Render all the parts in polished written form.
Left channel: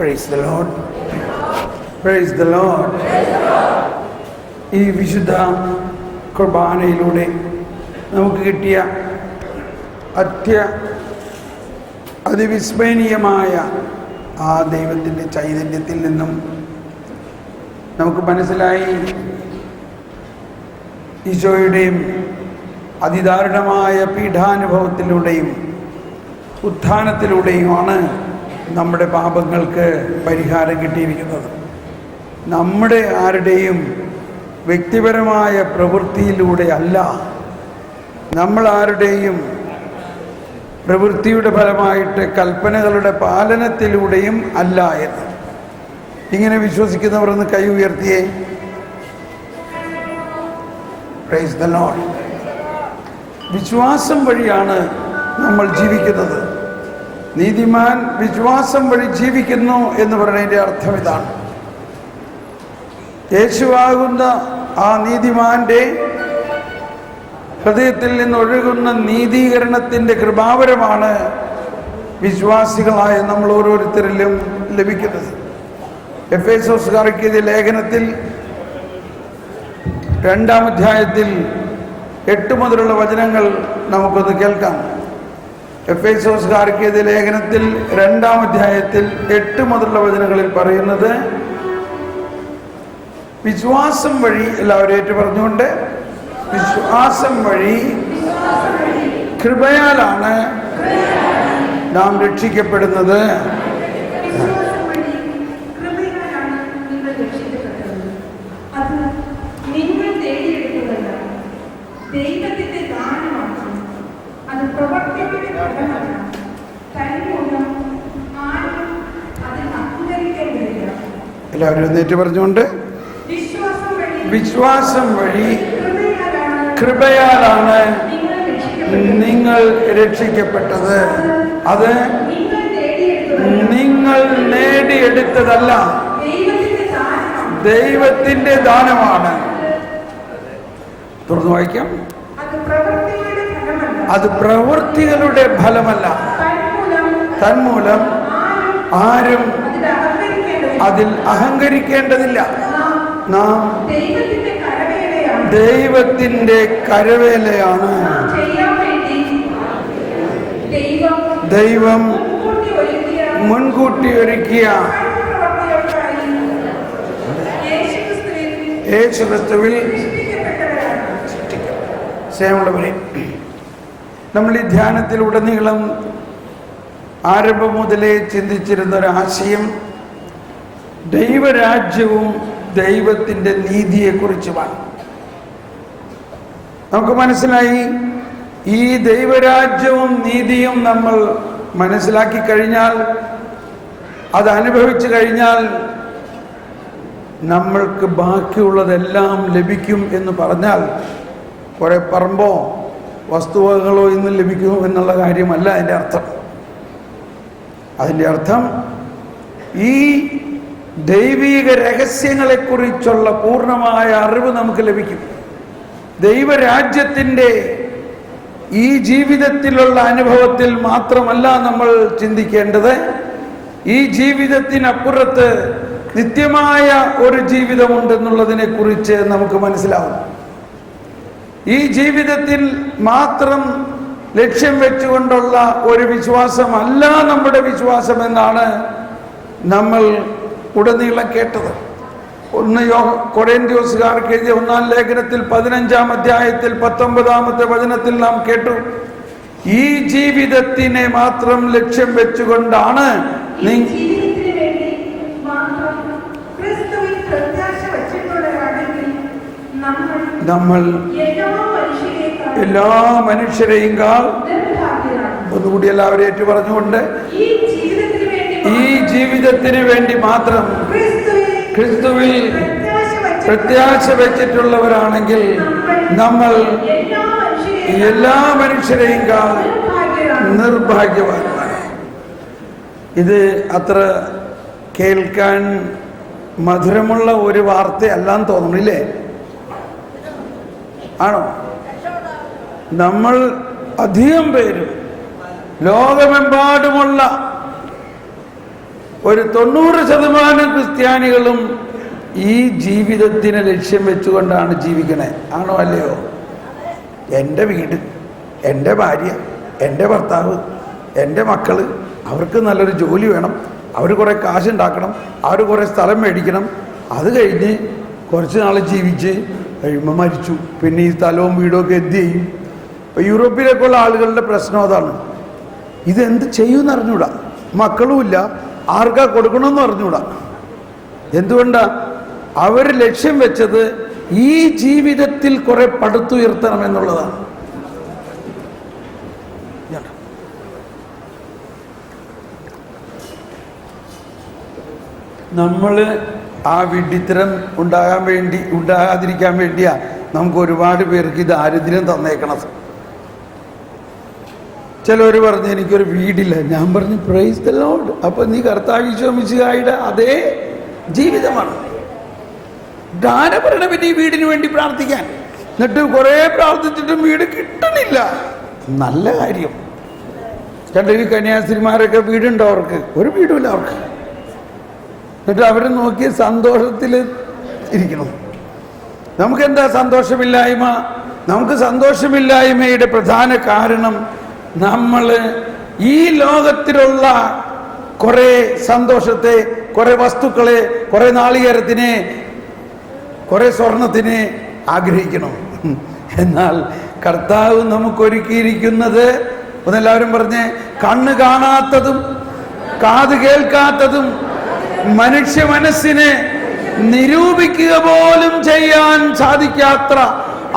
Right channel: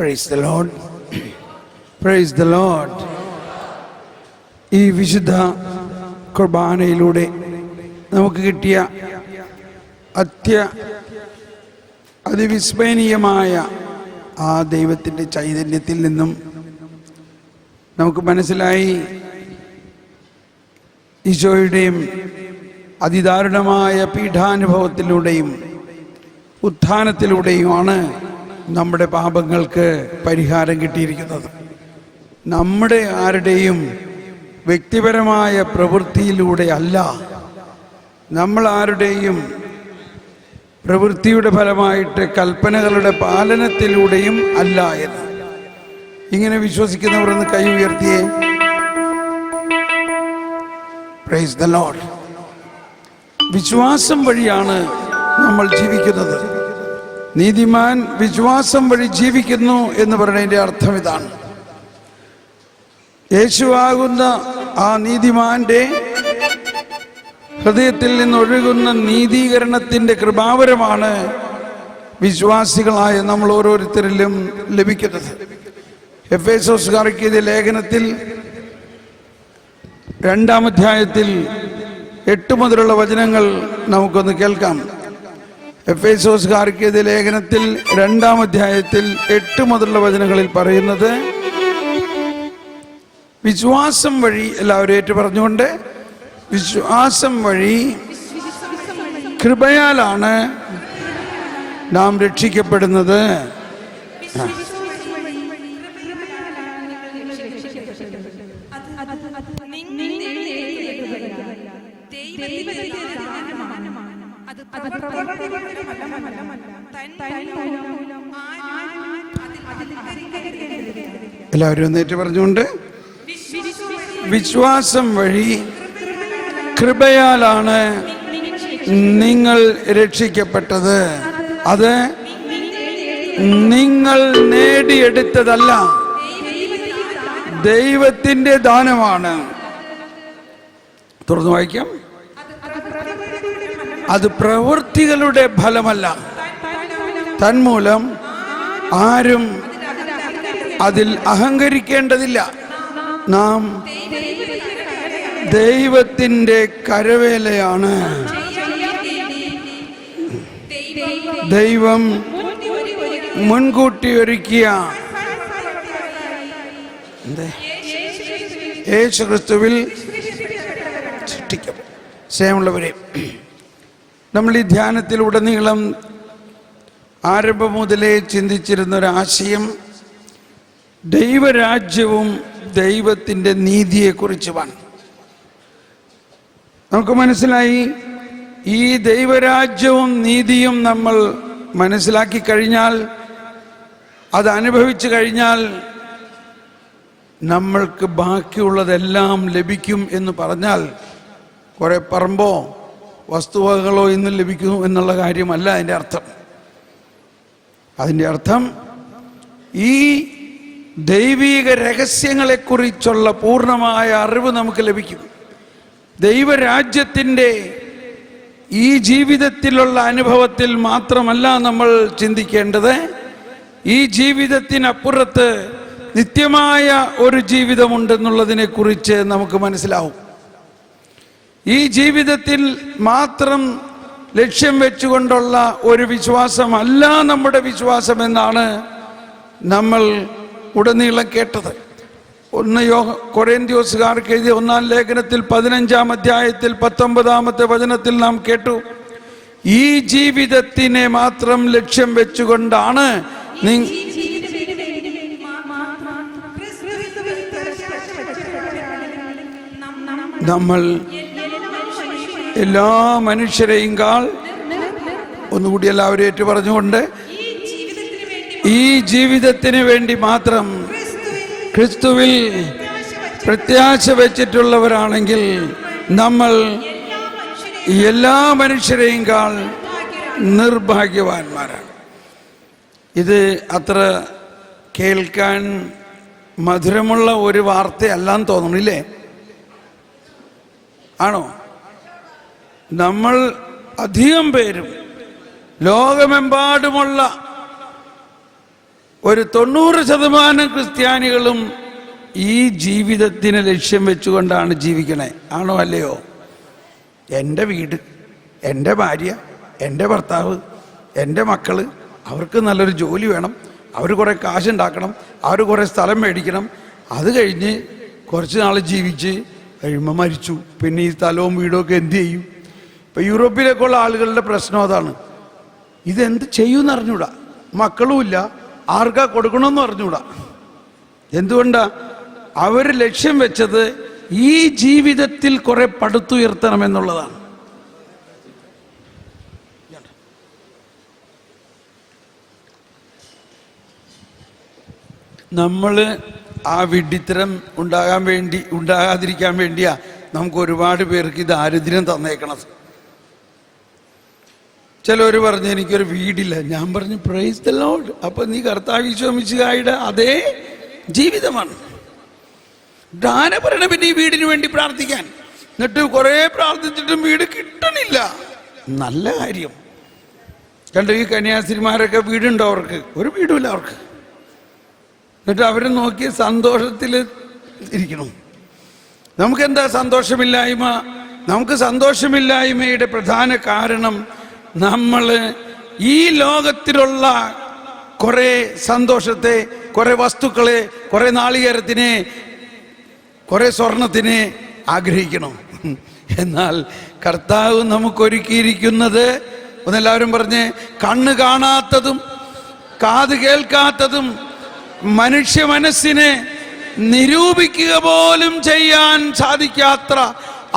Praise the Lord. Praise the Lord. ഈ വിശുദ്ധ കുർബാനയിലൂടെ നമുക്ക് കിട്ടിയ അതിവിസ്മരണീയമായ ആ ദൈവത്തിൻ്റെ ചൈതന്യത്തിൽ നിന്നും നമുക്ക് മനസ്സിലായി ഈശോയുടെയും അതിദാരുണമായ പീഡാനുഭവത്തിലൂടെയും ഉത്ഥാനത്തിലൂടെയുമാണ് നമ്മുടെ പാപങ്ങൾക്ക് പരിഹാരം കിട്ടിയിരിക്കുന്നത്. നമ്മുടെ ആരുടെയും വ്യക്തിപരമായ പ്രവൃത്തിയിലൂടെ അല്ല, നമ്മൾ ആരുടെയും പ്രവൃത്തിയുടെ ഫലമായിട്ട് കൽപ്പനകളുടെ പാലനത്തിലൂടെയും അല്ല എന്ന്. ഇങ്ങനെ വിശ്വസിക്കുന്നവർ ഒന്ന് കൈ ഉയർത്തിയേ. Price the Lord. വിശ്വാസം വഴിയാണ് നമ്മൾ ജീവിക്കുന്നത്. നീതിമാൻ വിശ്വാസം വഴി ജീവിക്കുന്നു എന്ന് പറയുന്നതിൻ്റെ അർത്ഥം ഇതാണ്. യേശുവാകുന്ന ആ നീതിമാന്റെ ഹൃദയത്തിൽ നിന്നൊഴുകുന്ന നീതീകരണത്തിൻ്റെ കൃപാവരമാണ് വിശ്വാസികളായ നമ്മൾ ഓരോരുത്തരിലും ലഭിക്കുന്നത്. എഫേസോസുകാർക്ക് എഴുതിയ ലേഖനത്തിൽ 2-ാം അധ്യായത്തിൽ 8 മുതലുള്ള വചനങ്ങൾ നമുക്കൊന്ന് കേൾക്കാം. എഫേസോസുകാർക്ക് എഴുതിയ ലേഖനത്തിൽ 2-ാം അധ്യായത്തിൽ 8 മുതലുള്ള വചനങ്ങളിൽ പറയുന്നത്, വിശ്വാസം വഴി, എല്ലാവരും ഏറ്റു പറഞ്ഞുകൊണ്ട്, വിശ്വാസം വഴി കൃപയാലാണ് നാം രക്ഷിക്കപ്പെടുന്നത്. എല്ലാവരും ഒന്നേറ്റ് പറഞ്ഞുകൊണ്ട്, വിശ്വാസം വഴി കൃപയാലാണ് നിങ്ങൾ രക്ഷിക്കപ്പെട്ടത്. അത് നിങ്ങൾ നേടിയെടുത്തതല്ല, ദൈവത്തിൻ്റെ ദാനമാണ്. തുറന്നു വായിക്കാം. അത് പ്രവൃത്തികളുടെ ഫലമല്ല, തന്മൂലം ആരും അതിൽ അഹങ്കരിക്കേണ്ടതില്ല. നാം ദൈവത്തിൻ്റെ കരവേലയാണ്. ദൈവം മുൻകൂട്ടി ഒരുക്കിയ യേശുക്രിസ്തുവിൽ സൃഷ്ടിക്കും. സ്നേഹമുള്ളവരെ, നമ്മൾ ഈ ധ്യാനത്തിലുടനീളം ആരംഭം മുതലേ ചിന്തിച്ചിരുന്നൊരാശയം ദൈവരാജ്യവും ദൈവത്തിൻ്റെ നീതിയെക്കുറിച്ചുമാണ്. നമുക്ക് മനസ്സിലായി, ഈ ദൈവരാജ്യവും നീതിയും നമ്മൾ മനസ്സിലാക്കി കഴിഞ്ഞാൽ, അത് അനുഭവിച്ചു കഴിഞ്ഞാൽ നമ്മൾക്ക് ബാക്കിയുള്ളതെല്ലാം ലഭിക്കും എന്ന് പറഞ്ഞാൽ കുറേ പറമ്പോ വസ്തുവകകളോ ഇന്ന് ലഭിക്കുന്നു എന്നുള്ള കാര്യമല്ല അതിൻ്റെ അർത്ഥം. അതിൻ്റെ അർത്ഥം ഈ ദൈവീക രഹസ്യങ്ങളെക്കുറിച്ചുള്ള പൂർണ്ണമായ അറിവ് നമുക്ക് ലഭിക്കും. ദൈവരാജ്യത്തിൻ്റെ ഈ ജീവിതത്തിലുള്ള അനുഭവത്തിൽ മാത്രമല്ല നമ്മൾ ചിന്തിക്കേണ്ടത്, ഈ ജീവിതത്തിനപ്പുറത്ത് നിത്യമായ ഒരു ജീവിതമുണ്ടെന്നുള്ളതിനെ കുറിച്ച് നമുക്ക് മനസ്സിലാവും. ഈ ജീവിതത്തിൽ മാത്രം ലക്ഷ്യം വെച്ചുകൊണ്ടുള്ള ഒരു വിശ്വാസമല്ല നമ്മുടെ വിശ്വാസമെന്നാണ് നമ്മൾ ഉടനീളം കേട്ടത്. കൊരിന്ത്യോസുകാർക്ക് എഴുതിയ 1-ാം ലേഖനത്തിൽ 15-ാം അധ്യായത്തിൽ 19-ാമത്തെ വചനത്തിൽ നാം കേട്ടു, ഈ ജീവിതത്തിനെ മാത്രം ലക്ഷ്യം വെച്ചുകൊണ്ടാണ് നമ്മൾ എല്ലാ മനുഷ്യരെയും കാൾ, ഒന്നുകൂടി എല്ലാവരും ഏറ്റു പറഞ്ഞുകൊണ്ട്, ഈ ജീവിതത്തിന് വേണ്ടി മാത്രം ക്രിസ്തുവിൽ പ്രത്യാശ വെച്ചിട്ടുള്ളവരാണെങ്കിൽ നമ്മൾ എല്ലാ മനുഷ്യരെയും കാൾ നിർഭാഗ്യവാന്മാരാണ്. ഇത് അത്ര കേൾക്കാൻ മധുരമുള്ള ഒരു വാർത്തയല്ലാന്ന് തോന്നുന്നില്ലേ? ആണോ? നമ്മൾ അധികം പേരും ലോകമെമ്പാടുമുള്ള ഒരു 90% ക്രിസ്ത്യാനികളും ഈ ജീവിതത്തിന് ലക്ഷ്യം വെച്ചുകൊണ്ടാണ് ജീവിക്കണേ. ആണോ അല്ലയോ? എൻ്റെ വീട്, എൻ്റെ ഭാര്യ, എൻ്റെ ഭർത്താവ്, എൻ്റെ മക്കൾ, അവർക്ക് നല്ലൊരു ജോലി വേണം, അവർ കുറേ കാശുണ്ടാക്കണം, അവർ കുറേ സ്ഥലം മേടിക്കണം, അത് കഴിഞ്ഞ് കുറച്ച് നാൾ ജീവിച്ച് കഴിയുമ്പോൾ മരിച്ചു. പിന്നെ ഈ സ്ഥലവും വീടുമൊക്കെ എന്ത് ചെയ്യും? ഇപ്പോൾ യൂറോപ്പിലേക്കുള്ള ആളുകളുടെ പ്രശ്നം അതാണ്. ഇതെന്ത് ചെയ്യുമെന്ന് അറിഞ്ഞൂടാ, മക്കളുമില്ല, ആർക്കാ കൊടുക്കണമെന്ന് അറിഞ്ഞൂടാ. എന്തുകൊണ്ടാണ്? അവർ ലക്ഷ്യം വെച്ചത് ഈ ജീവിതത്തിൽ കുറെ പടുത്തുയർത്തണമെന്നുള്ളതാണ്. നമ്മൾ ആ വിഡ്ഢിത്തരം ഉണ്ടാകാതിരിക്കാൻ വേണ്ടിയാ നമുക്ക് ഒരുപാട് പേർക്ക് ദാരിദ്ര്യം തന്നേക്കണത്. ചിലർ പറഞ്ഞു എനിക്കൊരു വീടില്ല. ഞാൻ പറഞ്ഞു പ്രൈസ് ദി ലോർഡ്. അപ്പൊ നീ കർത്താവ് ഈശോ മിശിഹായുടെ അതേ ജീവിതമാണ്. ദാനപരണ പിന്നെ ഈ വീടിന് വേണ്ടി പ്രാർത്ഥിക്കാൻ, എന്നിട്ട് കുറെ പ്രാർത്ഥിച്ചിട്ടും വീട് കിട്ടണില്ല. നല്ല കാര്യം. കണ്ട ഈ കന്യാസ്ത്രീമാരൊക്കെ വീടുണ്ടോ? അവർക്ക് ഒരു വീടുമില്ല അവർക്ക്. എന്നിട്ട് അവർ നോക്കി സന്തോഷത്തിൽ ഇരിക്കണം. നമുക്കെന്താ സന്തോഷമില്ലായ്മ? നമുക്ക് സന്തോഷമില്ലായ്മയുടെ പ്രധാന കാരണം നമ്മൾ ഈ ലോകത്തിലുള്ള കുറെ സന്തോഷത്തെ, കുറെ വസ്തുക്കളെ, കുറെ നാളികേരത്തിനെ, കുറെ സ്വർണത്തിനെ ആഗ്രഹിക്കണം. എന്നാൽ കർത്താവ് നമുക്കൊരുക്കിയിരിക്കുന്നത്, ഒന്നെല്ലാവരും പറഞ്ഞ്, കണ്ണ് കാണാത്തതും കാത് കേൾക്കാത്തതും മനുഷ്യ മനസ്സിനെ നിരൂപിക്കുക പോലും ചെയ്യാൻ സാധിക്കാത്ത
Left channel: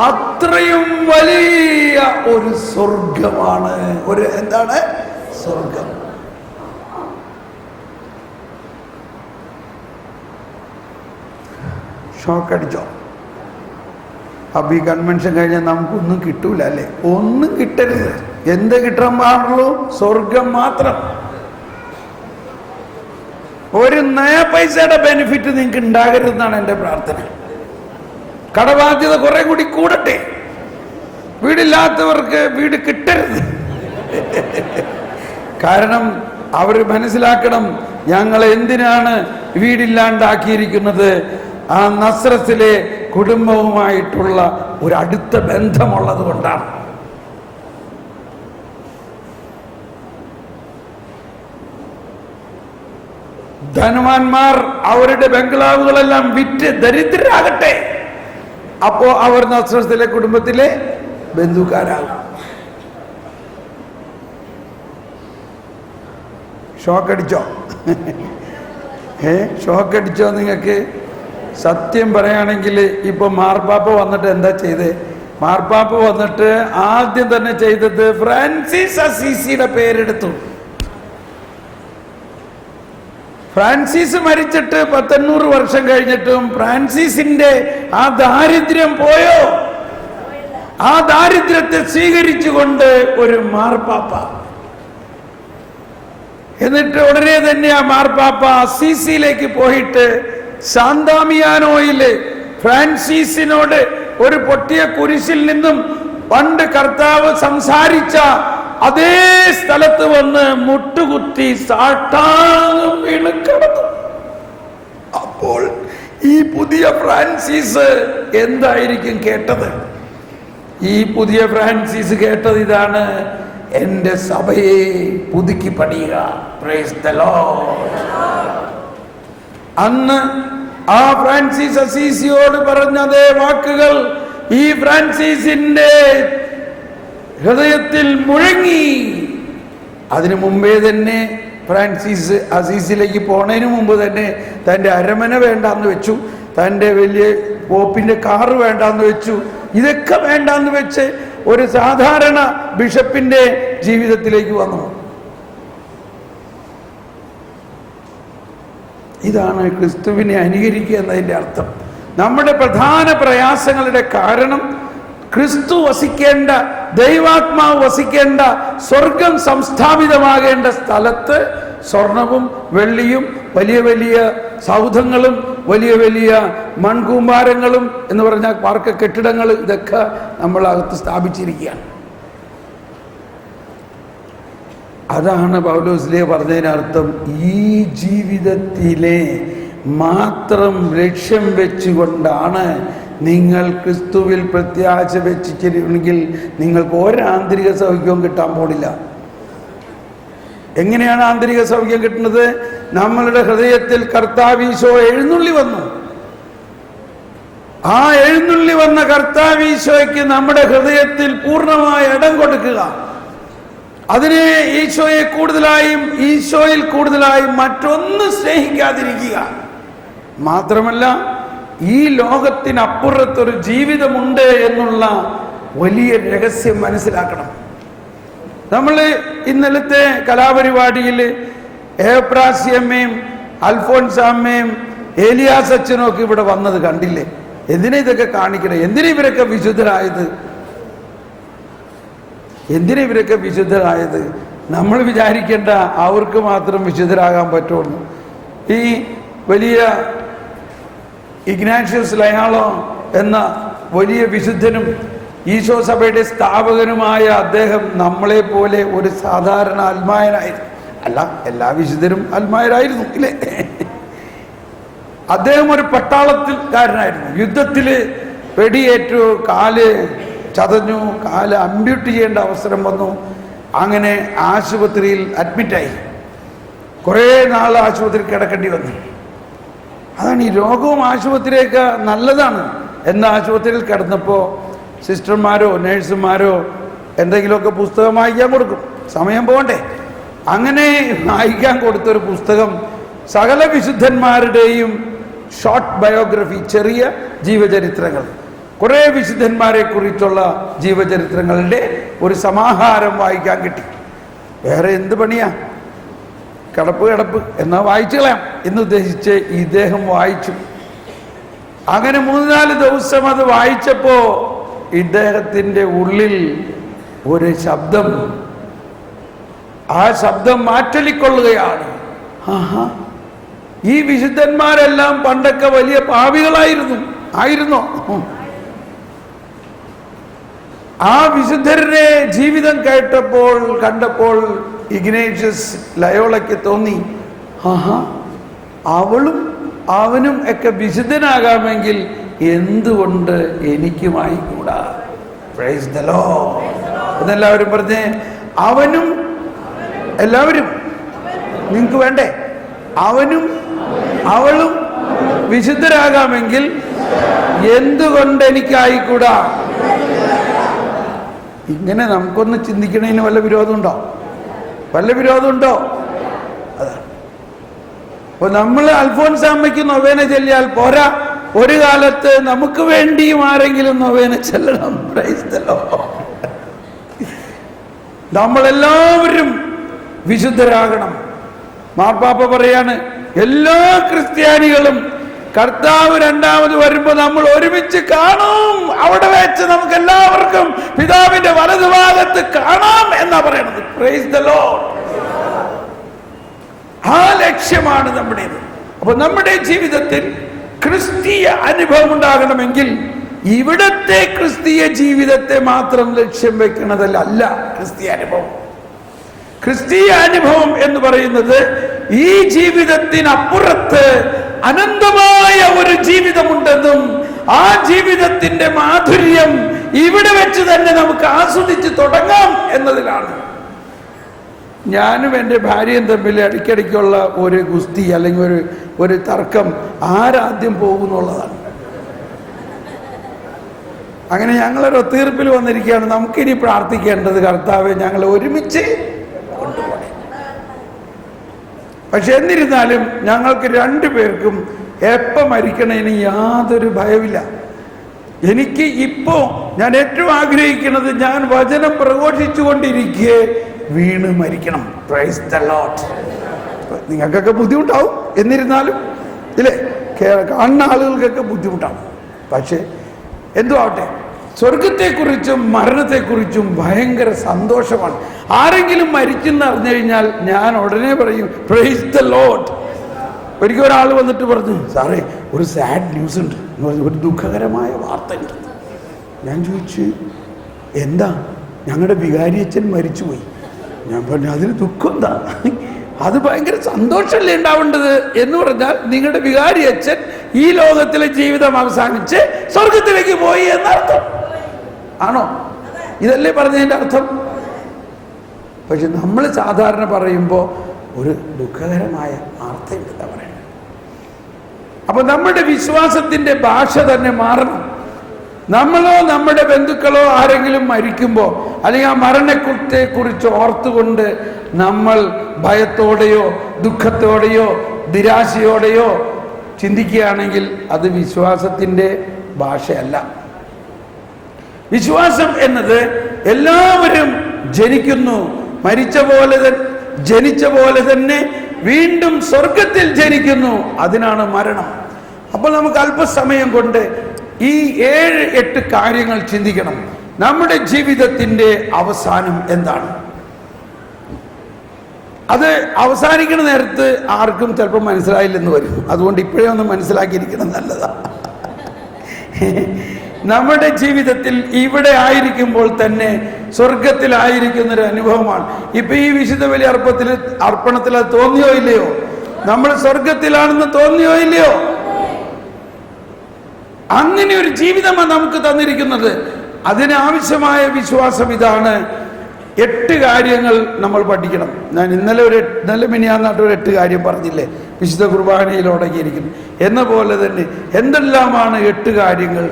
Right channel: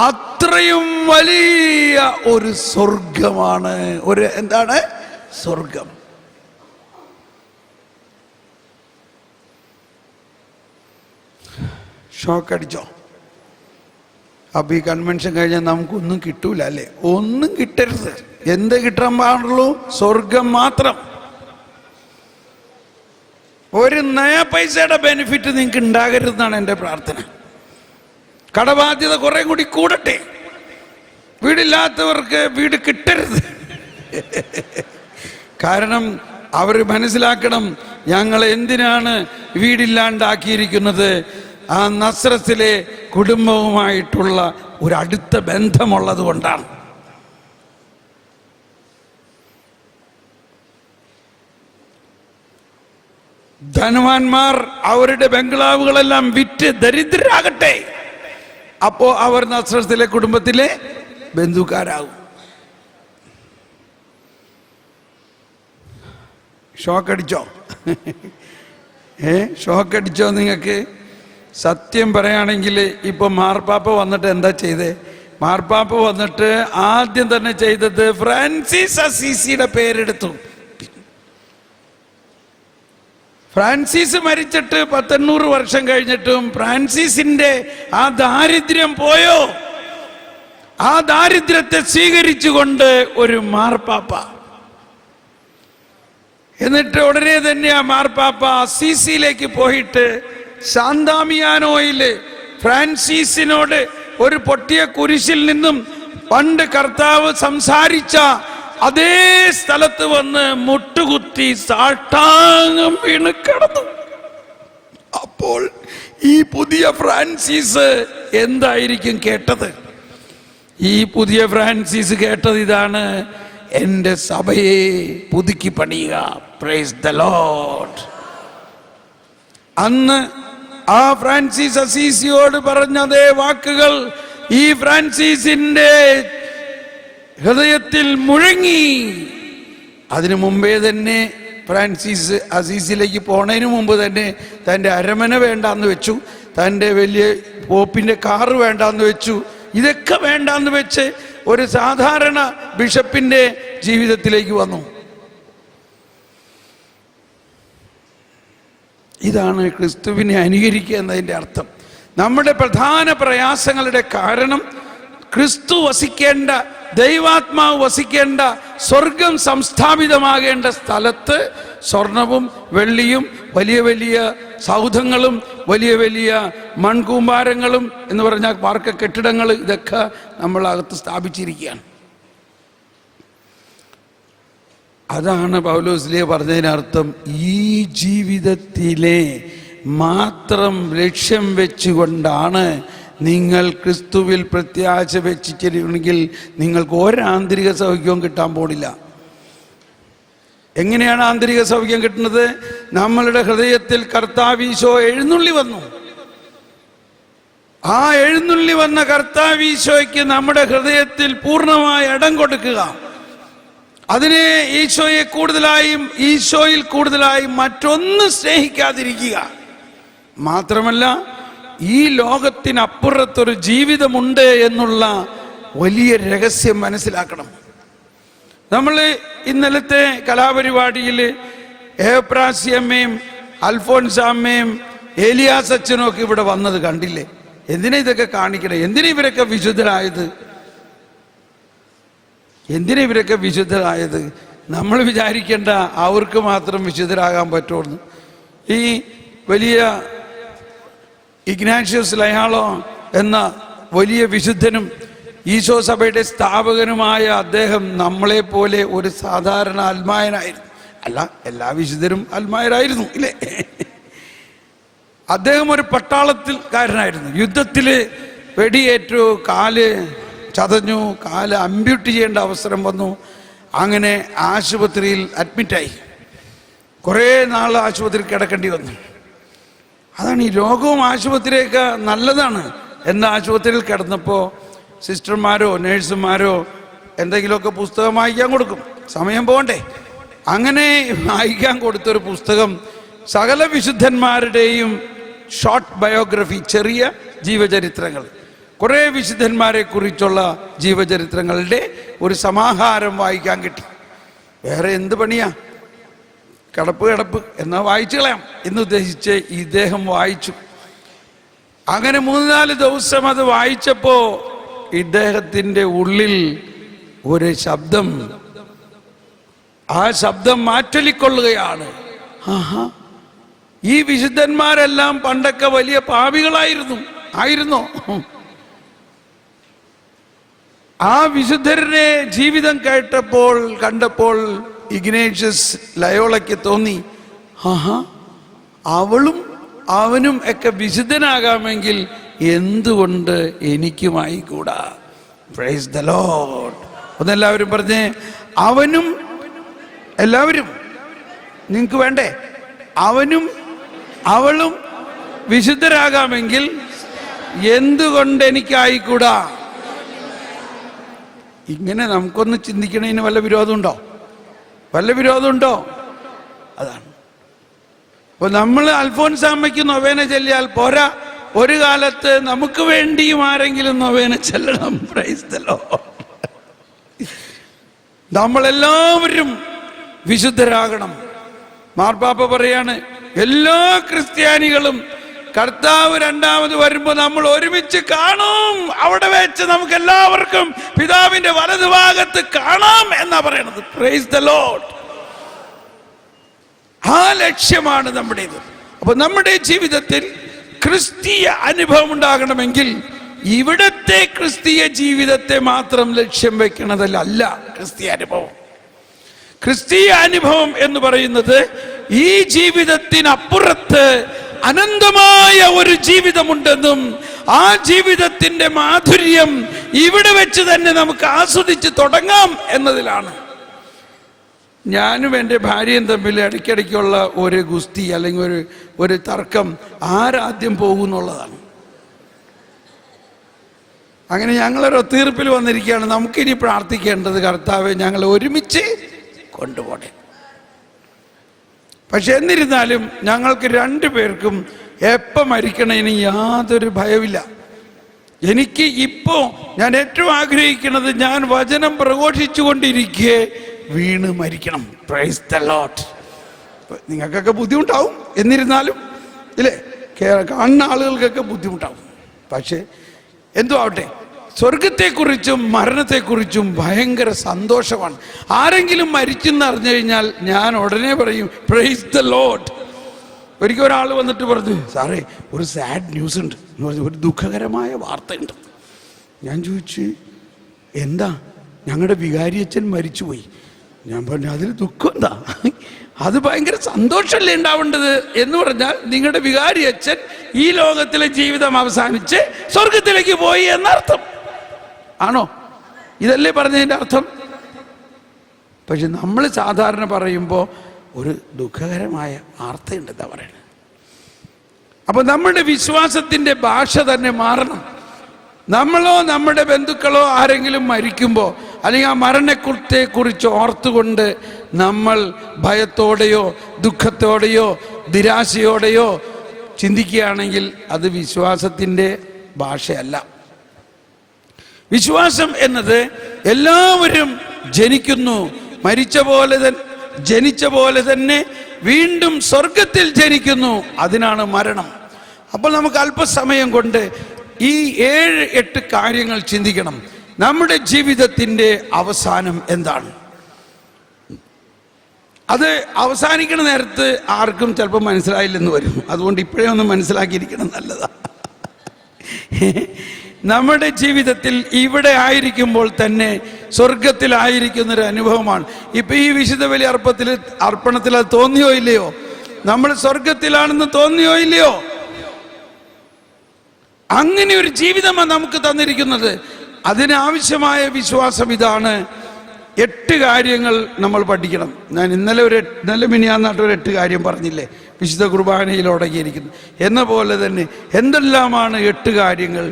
അത്രയും വലിയ ഒരു സ്വർഗമാണ്. ഒരു എന്താണ് സ്വർഗം? ഷോക്കടിച്ചോ? അപ്പൊ ഈ കൺവെൻഷൻ കഴിഞ്ഞാൽ നമുക്കൊന്നും കിട്ടൂല അല്ലേ? ഒന്നും കിട്ടരുത്. എന്ത് കിട്ടാൻ പാടുള്ളൂ? സ്വർഗം മാത്രം. ഒരു നയ പൈസയുടെ ബെനിഫിറ്റ് നിങ്ങൾക്ക് ഉണ്ടാകരുതെന്നാണ് എൻ്റെ പ്രാർത്ഥന. കടബാധ്യത കുറെ കൂടി കൂടട്ടെ. വീടില്ലാത്തവർക്ക് വീട് കിട്ടരുത്. കാരണം അവർ മനസ്സിലാക്കണം, ഞങ്ങൾ എന്തിനാണ് വീടില്ലാണ്ടാക്കിയിരിക്കുന്നത്? ആ നസ്രത്തിലെ കുടുംബവുമായിട്ടുള്ള ഒരു അടുത്ത ബന്ധമുള്ളത് കൊണ്ടാണ്. ധനവാന്മാർ അവരുടെ ബംഗ്ലാവുകളെല്ലാം വിറ്റ് ദരിദ്രരാകട്ടെ. അപ്പോ അവർ നസ്രത്തിലെ കുടുംബത്തിലെ ബന്ധുക്കാരാകും. ഷോക്കടിച്ചോ? ഷോക്കടിച്ചോ? നിങ്ങൾക്ക് സത്യം പറയുകയാണെങ്കിൽ ഇപ്പൊ മാർപ്പാപ്പ വന്നിട്ട് എന്താ ചെയ്തേ? മാർപ്പാപ്പ വന്നിട്ട് ആദ്യം തന്നെ ചെയ്തത് ഫ്രാൻസിസ് അസീസിയുടെ പേരെടുത്തു. ഫ്രാൻസിസ് മരിച്ചിട്ട് 1800 വർഷം കഴിഞ്ഞിട്ടും ഫ്രാൻസിസിന്റെ ആ ദാരിദ്ര്യം പോയോ? ആ ദാരിദ്ര്യത്തെ സ്വീകരിച്ചുകൊണ്ട് ഒരു മാർപ്പാപ്പ. എന്നിട്ട് ഉടനെ തന്നെ ആ മാർപ്പാപ്പ അസീസിയിലേക്ക് പോയിട്ട് സാന്താമിയാനോയില് ഫ്രാൻസിസിനോട് ഒരു പൊട്ടിയ കുരിശിൽ നിന്നും പണ്ട് കർത്താവ് സംസാരിച്ച അതേ സ്ഥലത്ത് വന്ന് മുട്ടുകുത്തി സാഷ്ടാംഗം വീണ് കിടന്നു. അപ്പോൾ ഈ പുതിയ ഫ്രാൻസിസ് എന്തായിരിക്കും കേട്ടത്? ഈ പുതിയ ഫ്രാൻസിസ് കേട്ടത് ഇതാണ്: എൻ്റെ സഭയെ പുതുക്കി പണിയുക. Price the Lord. അന്ന് ആ ഫ്രാൻസിസ് അസീസിയോട് പറഞ്ഞ അതേ വാക്കുകൾ ഈ ഫ്രാൻസിസിന്റെ ഹൃദയത്തിൽ മുഴങ്ങി. അതിനു മുമ്പേ തന്നെ ഫ്രാൻസിസ് അസീസിലേക്ക് പോണതിന് മുമ്പ് തന്നെ തൻ്റെ അരമന വേണ്ടാന്ന് വെച്ചു, തൻ്റെ വലിയ പോപ്പിന്റെ കാറ് വേണ്ടാന്ന് വെച്ചു. ഇതൊക്കെ വേണ്ടാന്ന് വെച്ച് ഒരു സാധാരണ ബിഷപ്പിന്റെ ജീവിതത്തിലേക്ക് വന്നു. ഇതാണ് ക്രിസ്തുവിനെ അനുകരിക്കുക എന്നതിൻ്റെ അർത്ഥം. നമ്മുടെ പ്രധാന പ്രയാസങ്ങളുടെ കാരണം ക്രിസ്തു വസിക്കേണ്ട, ദൈവാത്മാവ് വസിക്കേണ്ട, സ്വർഗം സംസ്ഥാപിതമാകേണ്ട സ്ഥലത്ത് സ്വർണവും വെള്ളിയും വലിയ വലിയ സൗധങ്ങളും വലിയ വലിയ മൺകൂമ്പാരങ്ങളും എന്ന് പറഞ്ഞാൽ പാർക്ക് കെട്ടിടങ്ങൾ, ഇതൊക്കെ നമ്മളകത്ത് സ്ഥാപിച്ചിരിക്കുകയാണ്. അതാണ് പൗലോസ്ലീഹ പറഞ്ഞതിനർത്ഥം. ഈ ജീവിതത്തിലെ മാത്രം ലക്ഷ്യം വെച്ചുകൊണ്ടാണ് നിങ്ങൾ ക്രിസ്തുവിൽ പ്രത്യാശ വെച്ചിട്ടുണ്ടെങ്കിൽ നിങ്ങൾക്ക് ഒരാന്തരിക സൗഖ്യവും കിട്ടാൻ പോണില്ല. എങ്ങനെയാണ് ആന്തരിക സൗഖ്യം കിട്ടുന്നത്? നമ്മളുടെ ഹൃദയത്തിൽ കർത്താവ് ഈശോ എഴുന്നള്ളി വന്നു. ആ എഴുന്നള്ളി വന്ന കർത്താവ് ഈശോയ്ക്ക് നമ്മുടെ ഹൃദയത്തിൽ പൂർണ്ണമായ ഇടം കൊടുക്കുക. അതിനെ ഈശോയിൽ കൂടുതലായും മറ്റൊന്ന് സ്നേഹിക്കാതിരിക്കുക. മാത്രമല്ല, ഈ ലോകത്തിനപ്പുറത്തൊരു ജീവിതമുണ്ട് എന്നുള്ള വലിയ രഹസ്യം മനസ്സിലാക്കണം. നമ്മൾ ഇന്നലത്തെ കലാപരിപാടിയിൽ ഏപ്രാസ്യമ്മയും അൽഫോൻസാമ്മയും ഏലിയാസ് അച്ഛനും ഒക്കെ ഇവിടെ വന്നത് കണ്ടില്ലേ? എന്തിനാ ഇതൊക്കെ കാണിക്കണേ? എന്തിനാ ഇവരൊക്കെ വിശുദ്ധരായത്? നമ്മൾ വിചാരിക്കേണ്ട അവർക്ക് മാത്രം വിശുദ്ധരാകാൻ പറ്റുള്ളൂ. ഈ വലിയ ഇഗ്നാഷ്യസ് ലയാളോ എന്ന വലിയ വിശുദ്ധനും ഈശോ സഭയുടെ സ്ഥാപകനുമായ അദ്ദേഹം നമ്മളെ പോലെ ഒരു സാധാരണ അൽമായനായിരുന്നു. അല്ല, എല്ലാ വിശുദ്ധരും അൽമായരായിരുന്നു ഇല്ലേ? അദ്ദേഹം ഒരു പട്ടാളത്തിൽക്കാരനായിരുന്നു. യുദ്ധത്തിൽ വെടിയേറ്റു, കാല് ചതഞ്ഞു, കാല് അമ്പ്യൂട്ട് ചെയ്യേണ്ട അവസരം വന്നു. അങ്ങനെ ആശുപത്രിയിൽ അഡ്മിറ്റായി. കുറേ നാൾ ആശുപത്രിയിൽ കിടക്കേണ്ടി വന്നു. അതാണ് ഈ രോഗവും ആശുപത്രിയൊക്കെ നല്ലതാണ്. എന്ന ആശുപത്രിയിൽ കിടന്നപ്പോൾ സിസ്റ്റർമാരോ നേഴ്സുമാരോ എന്തെങ്കിലുമൊക്കെ പുസ്തകം വായിക്കാൻ കൊടുക്കും, സമയം പോകണ്ടേ. അങ്ങനെ വായിക്കാൻ കൊടുത്തൊരു പുസ്തകം സകല വിശുദ്ധന്മാരുടെയും ഷോർട്ട് ബയോഗ്രഫി, ചെറിയ ജീവചരിത്രങ്ങൾ, കുറേ വിശുദ്ധന്മാരെ കുറിച്ചുള്ള ജീവചരിത്രങ്ങളുടെ ഒരു സമാഹാരം വായിക്കാൻ കിട്ടി. വേറെ എന്ത് പണിയാ, കിടപ്പ് എന്നാ വായിച്ചുകളാം എന്നുദ്ദേശിച്ച് ഇദ്ദേഹം വായിച്ചു. അങ്ങനെ 3-4 ദിവസം അത് വായിച്ചപ്പോ ഇദ്ദേഹത്തിൻ്റെ ഉള്ളിൽ ഒരു ശബ്ദം, ആ ശബ്ദം മാറ്റലിക്കൊള്ളുകയാണ്. ഈ വിശുദ്ധന്മാരെല്ലാം പണ്ടൊക്കെ വലിയ പാപികളായിരുന്നോ? ആ വിശുദ്ധരുടെ ജീവിതം കണ്ടപ്പോൾ ഇഗ്നേഷ്യസ് ലയോളയ്ക്ക് തോന്നി, അവനും ഒക്കെ വിശുദ്ധനാകാമെങ്കിൽ എന്തുകൊണ്ട് എനിക്കുമായിക്കൂടാ? പ്രൈസ് ദി ലോർഡ് എന്നെല്ലാവരും പറഞ്ഞേ. എല്ലാവരും നിങ്ങൾക്ക് വേണ്ടേ? അവളും വിശുദ്ധരാകാമെങ്കിൽ എന്തുകൊണ്ട് എനിക്കായിക്കൂടാ? ഇങ്ങനെ നമുക്കൊന്ന് ചിന്തിക്കണതിന് വല്ല വിരോധമുണ്ടോ? അതാണ്. അപ്പൊ നമ്മൾ അൽഫോൻസാമ്മയ്ക്ക് നൊവേന ചൊല്ലിയാൽ പോരാ, ഒരു കാലത്ത് നമുക്ക് വേണ്ടിയും ആരെങ്കിലും നൊവേന ചൊല്ലണം. Price the Lord. നമ്മളെല്ലാവരും വിശുദ്ധരാകണം. മാർപ്പാപ്പ പറയാണ്, എല്ലാ ക്രിസ്ത്യാനികളും കർത്താവ് രണ്ടാമത് വരുമ്പോൾ നമ്മൾ ഒരുമിച്ച് കാണും, അവിടെ വെച്ച് നമുക്ക് എല്ലാവർക്കും പിതാവിന്റെ വലതുഭാഗത്ത് കാണാം എന്നാ പറയണത്. Price the Lord. ആ ലക്ഷ്യമാണ് നമ്മുടേത്. അപ്പൊ നമ്മുടെ ജീവിതത്തിൽ ക്രിസ്തീയ അനുഭവം ഉണ്ടാകണമെങ്കിൽ ഇവിടത്തെ ക്രിസ്തീയ ജീവിതത്തെ മാത്രം ലക്ഷ്യം വെക്കുന്നതല്ല ക്രിസ്തീയ അനുഭവം. ക്രിസ്തീയ അനുഭവം എന്ന് പറയുന്നത് ഈ ജീവിതത്തിനപ്പുറത്ത് അനന്തമായ ഒരു ജീവിതമുണ്ടെന്നും ആ ജീവിതത്തിന്റെ മാധുര്യം ഇവിടെ വെച്ച് തന്നെ നമുക്ക് ആസ്വദിച്ച് തുടങ്ങാം എന്നതിലാണ്. ഞാനും എൻ്റെ ഭാര്യയും തമ്മിൽ ഇടയ്ക്കിടയ്ക്കുള്ള ഒരു ഗുസ്തി അല്ലെങ്കിൽ ഒരു തർക്കം, ആരാദ്യം പോകുന്നുള്ളതാണ്. അങ്ങനെ ഞങ്ങളൊരു തീർപ്പിൽ വന്നിരിക്കുകയാണ്, നമുക്കിനി പ്രാർത്ഥിക്കേണ്ടത് കർത്താവെ ഞങ്ങളെ ഒരുമിച്ച് കൊണ്ടുപോകണം. പക്ഷെ എന്നിരുന്നാലും ഞങ്ങൾക്ക് 2 പേർക്കും എപ്പം മരിക്കണതിന് യാതൊരു ഭയമില്ല. എനിക്ക് ഇപ്പോൾ ഞാൻ ഏറ്റവും ആഗ്രഹിക്കുന്നത്, ഞാൻ വചനം പ്രഘോഷിച്ചുകൊണ്ടിരിക്കെ വീണ് മരിക്കണം. Price the Lord. നിങ്ങൾക്കൊക്കെ ബുദ്ധിമുട്ടാവും, എന്നിരുന്നാലും ഇല്ലേ, കാണുന്ന ആളുകൾക്കൊക്കെ ബുദ്ധിമുട്ടാവും. പക്ഷേ എന്തോ ആവട്ടെ, സ്വർഗത്തെക്കുറിച്ചും മരണത്തെക്കുറിച്ചും ഭയങ്കര സന്തോഷമാണ്. ആരെങ്കിലും മരിച്ചെന്ന് അറിഞ്ഞു കഴിഞ്ഞാൽ ഞാൻ ഉടനെ പറയും പ്രൈസ് ദി ലോർഡ്. ഒരിക്കൽ ഒരാൾ വന്നിട്ട് പറഞ്ഞു, സാറേ ഒരു സാഡ് ന്യൂസ് ഉണ്ട്, ഒരു ദുഃഖകരമായ വാർത്തയുണ്ട്. ഞാൻ ചോദിച്ചു, എന്താ? ഞങ്ങളുടെ വികാരിയച്ഛൻ മരിച്ചുപോയി. ഞാൻ പറഞ്ഞു അതിന് ദുഃഖം എന്താ, അത് ഭയങ്കര സന്തോഷമല്ലേ ഉണ്ടാവേണ്ടത് എന്ന് പറഞ്ഞാൽ നിങ്ങളുടെ വികാരി അച്ഛൻ ഈ ലോകത്തിലെ ജീവിതം അവസാനിച്ച് സ്വർഗത്തിലേക്ക് പോയി എന്നർത്ഥം ആണോ? ഇതല്ലേ പറഞ്ഞതിൻ്റെ അർത്ഥം? പക്ഷെ നമ്മൾ സാധാരണ പറയുമ്പോൾ ഒരു ദുഃഖകരമായ വാർത്തയുണ്ടെന്നാ പറയുന്നത്. അപ്പൊ നമ്മുടെ വിശ്വാസത്തിന്റെ ഭാഷ തന്നെ മാറണം. നമ്മളോ നമ്മുടെ ബന്ധുക്കളോ ആരെങ്കിലും മരിക്കുമ്പോൾ അല്ലെങ്കിൽ ആ മരണത്തെ കുറിച്ച് ഓർത്തുകൊണ്ട് നമ്മൾ ഭയത്തോടെയോ ദുഃഖത്തോടെയോ നിരാശയോടെയോ ചിന്തിക്കുകയാണെങ്കിൽ അത് വിശ്വാസത്തിൻ്റെ ഭാഷയല്ല. വിശ്വാസം എന്നത് എല്ലാവരും ജനിക്കുന്നു, ജനിച്ച പോലെ തന്നെ വീണ്ടും സ്വർഗത്തിൽ ജനിക്കുന്നു, അതിനാണ് മരണം. അപ്പോൾ നമുക്ക് അല്പസമയം കൊണ്ട് ഈ 7-8 കാര്യങ്ങൾ ചിന്തിക്കണം. നമ്മുടെ ജീവിതത്തിൻ്റെ അവസാനം എന്താണ്? അത് അവസാനിക്കുന്ന നേരത്ത് ആർക്കും ചിലപ്പോൾ മനസ്സിലായില്ലെന്ന് വരും. അതുകൊണ്ട് ഇപ്പോഴേ ഒന്ന് മനസ്സിലാക്കിയിരിക്കണം, നല്ലതാണ്. നമ്മുടെ ജീവിതത്തിൽ ഇവിടെ ആയിരിക്കുമ്പോൾ തന്നെ സ്വർഗത്തിലായിരിക്കുന്നൊരു അനുഭവമാണ്. ഇപ്പൊ ഈ വിശുദ്ധ ബലി അർപ്പണത്തിൽ അത് തോന്നിയോ ഇല്ലയോ? നമ്മൾ സ്വർഗത്തിലാണെന്ന് തോന്നിയോ ഇല്ലയോ? അങ്ങനെ ഒരു ജീവിതമാണ് നമുക്ക് തന്നിരിക്കുന്നത്. അതിനാവശ്യമായ വിശ്വാസം ഇതാണ്. 8 കാര്യങ്ങൾ നമ്മൾ പഠിക്കണം. ഞാൻ ഇന്നലെ മിനിയാന്നായിട്ട് ഒരു 8 കാര്യം പറഞ്ഞില്ലേ, വിശുദ്ധ കുർബാനയിൽ അടങ്ങിയിരിക്കുന്നു. എന്ന പോലെ തന്നെ എന്തെല്ലാമാണ് 8 കാര്യങ്ങൾ?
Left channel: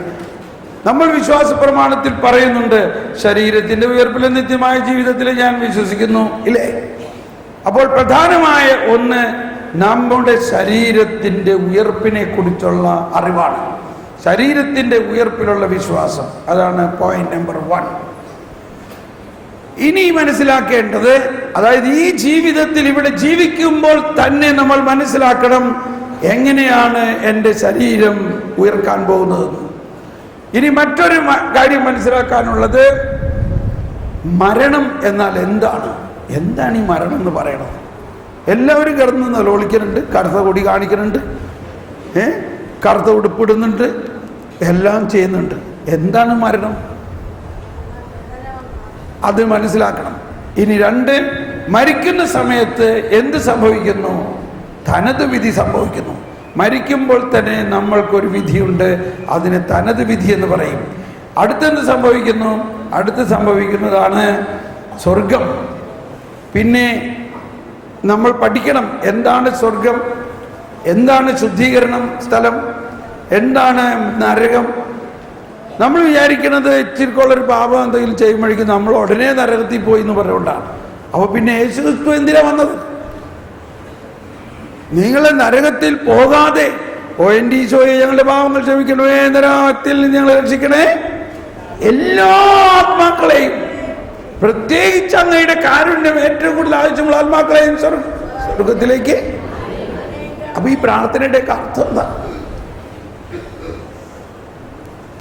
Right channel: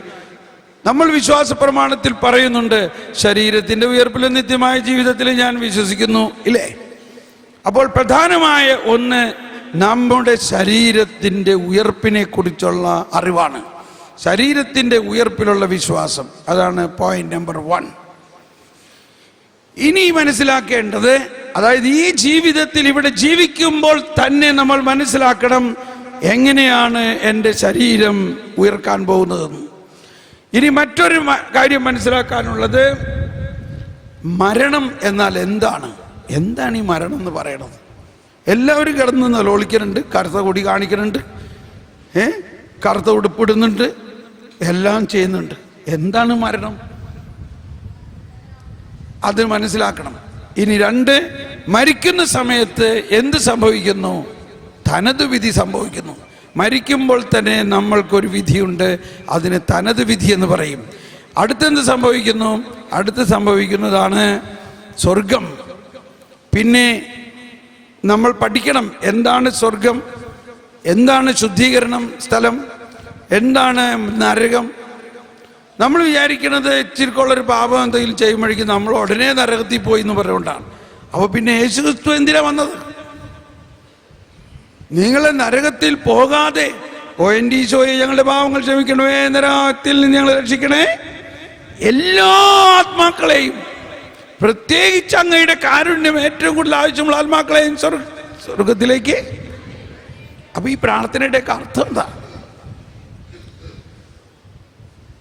നമ്മൾ വിശ്വാസ പ്രമാണത്തിൽ പറയുന്നുണ്ട്, ശരീരത്തിന്റെ ഉയർപ്പിലും നിത്യമായ ജീവിതത്തിൽ ഞാൻ വിശ്വസിക്കുന്നു, ഇല്ലേ? അപ്പോൾ പ്രധാനമായ ഒന്ന് നമ്മുടെ ശരീരത്തിന്റെ ഉയർപ്പിനെ കുറിച്ചുള്ള അറിവാണ്. ശരീരത്തിന്റെ ഉയർപ്പിലുള്ള വിശ്വാസം, അതാണ് പോയിന്റ് നമ്പർ 1. ഇനി മനസ്സിലാക്കേണ്ടത്, അതായത് ഈ ജീവിതത്തിൽ ഇവിടെ ജീവിക്കുമ്പോൾ തന്നെ നമ്മൾ മനസ്സിലാക്കണം എങ്ങനെയാണ് എൻ്റെ ശരീരം ഉയർക്കാൻ പോകുന്നതെന്ന്. ഇനി മറ്റൊരു കാര്യം മനസ്സിലാക്കാനുള്ളത്, മരണം എന്നാൽ എന്താണ് ഈ മരണം എന്ന് പറയണത്? എല്ലാവരും കിടന്ന് നിലവിളിക്കുന്നുണ്ട്, കറുത്ത കൊടി കാണിക്കുന്നുണ്ട്, കറുത്ത ഉടുപ്പിടുന്നുണ്ട്, എല്ലാം ചെയ്യുന്നുണ്ട്. എന്താണ് മരണം? അത് മനസ്സിലാക്കണം. ഇനി 2, മരിക്കുന്ന സമയത്ത് എന്ത് സംഭവിക്കുന്നു? തനത് വിധി സംഭവിക്കുന്നു. മരിക്കുമ്പോൾ തന്നെ നമ്മൾക്കൊരു വിധിയുണ്ട്, അതിന് തനത് വിധി എന്ന് പറയും. അടുത്തെന്ത് സംഭവിക്കുന്നു? അടുത്ത് സംഭവിക്കുന്നതാണ് സ്വർഗം. പിന്നെ നമ്മൾ പഠിക്കണം എന്താണ് സ്വർഗം, എന്താണ് ശുദ്ധീകരണം സ്ഥലം, എന്താണ് നരകം. നമ്മൾ വിചാരിക്കുന്നത് ഇച്ചിരിക്കുള്ളൊരു പാപം എന്തെങ്കിലും ചെയ്യുമ്പോഴേക്കും നമ്മൾ ഉടനെ നരകത്തിൽ പോയി എന്ന് പറഞ്ഞുകൊണ്ടാണ്. അപ്പോൾ പിന്നെ യേശുക്രിസ്തു എന്തിനാ വന്നത്? നിങ്ങൾ നരകത്തിൽ പോകാതെ, എൻ്റെ ഈശോയെ ഞങ്ങളുടെ പാവങ്ങൾ ക്ഷമിക്കണമേ, നരകത്തിൽ നിന്ന് ഞങ്ങളെ രക്ഷിക്കണേ, എല്ലാ ആത്മാക്കളെയും, പ്രത്യേകിച്ച് അങ്ങയുടെ കാരുണ്യം ഏറ്റവും കൂടുതൽ ആവശ്യമുള്ള ആത്മാക്കളെയും സ്വർഗത്തിലേക്ക്. അപ്പൊ ഈ പ്രാർത്ഥനയുടെ അർത്ഥം എന്താ?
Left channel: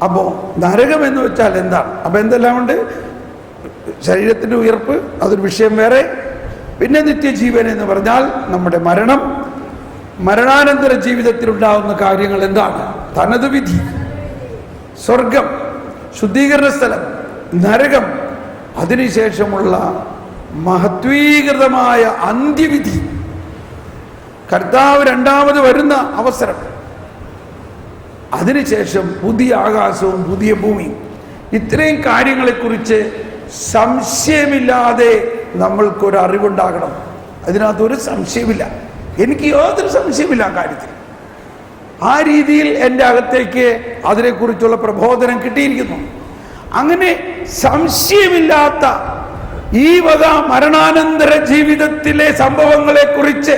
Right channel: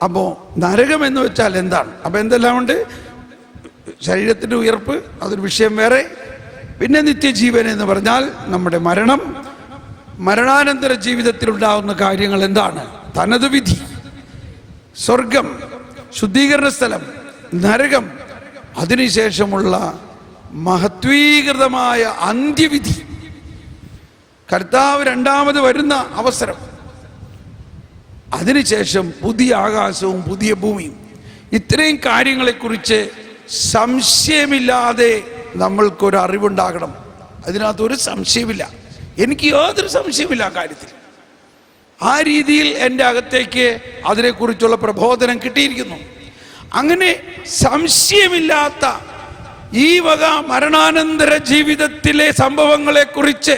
അപ്പോ നരകം എന്ന് വെച്ചാൽ എന്താണ്? അപ്പൊ എന്തെല്ലാം ഉണ്ട്? ശരീരത്തിന്റെ ഉയർപ്പ്, അതൊരു വിഷയം വേറെ. പിന്നെ നിത്യജീവൻ എന്ന് പറഞ്ഞാൽ നമ്മുടെ മരണം, മരണാനന്തര ജീവിതത്തിലുണ്ടാകുന്ന കാര്യങ്ങൾ എന്താണ്? തനത് വിധി, സ്വർഗം, ശുദ്ധീകരണ സ്ഥലം, നരകം, അതിനുശേഷമുള്ള മഹത്വീകൃതമായ അന്ത്യവിധി, കർത്താവ് രണ്ടാമത് വരുന്ന അവസരം, അതിനുശേഷം പുതിയ ആകാശവും പുതിയ ഭൂമിയും. ഇത്രയും കാര്യങ്ങളെക്കുറിച്ച് സംശയമില്ലാതെ നമ്മൾക്കൊരു അറിവുണ്ടാകണം. അതിനകത്തൊരു സംശയമില്ല, എനിക്ക് യാതൊരു സംശയമില്ല ആ കാര്യത്തിൽ. ആ രീതിയിൽ എൻ്റെ അകത്തേക്ക് അതിനെക്കുറിച്ചുള്ള പ്രബോധനം കിട്ടിയിരിക്കുന്നു. അങ്ങനെ സംശയമില്ലാത്ത ഈ വക മരണാനന്തര ജീവിതത്തിലെ സംഭവങ്ങളെക്കുറിച്ച്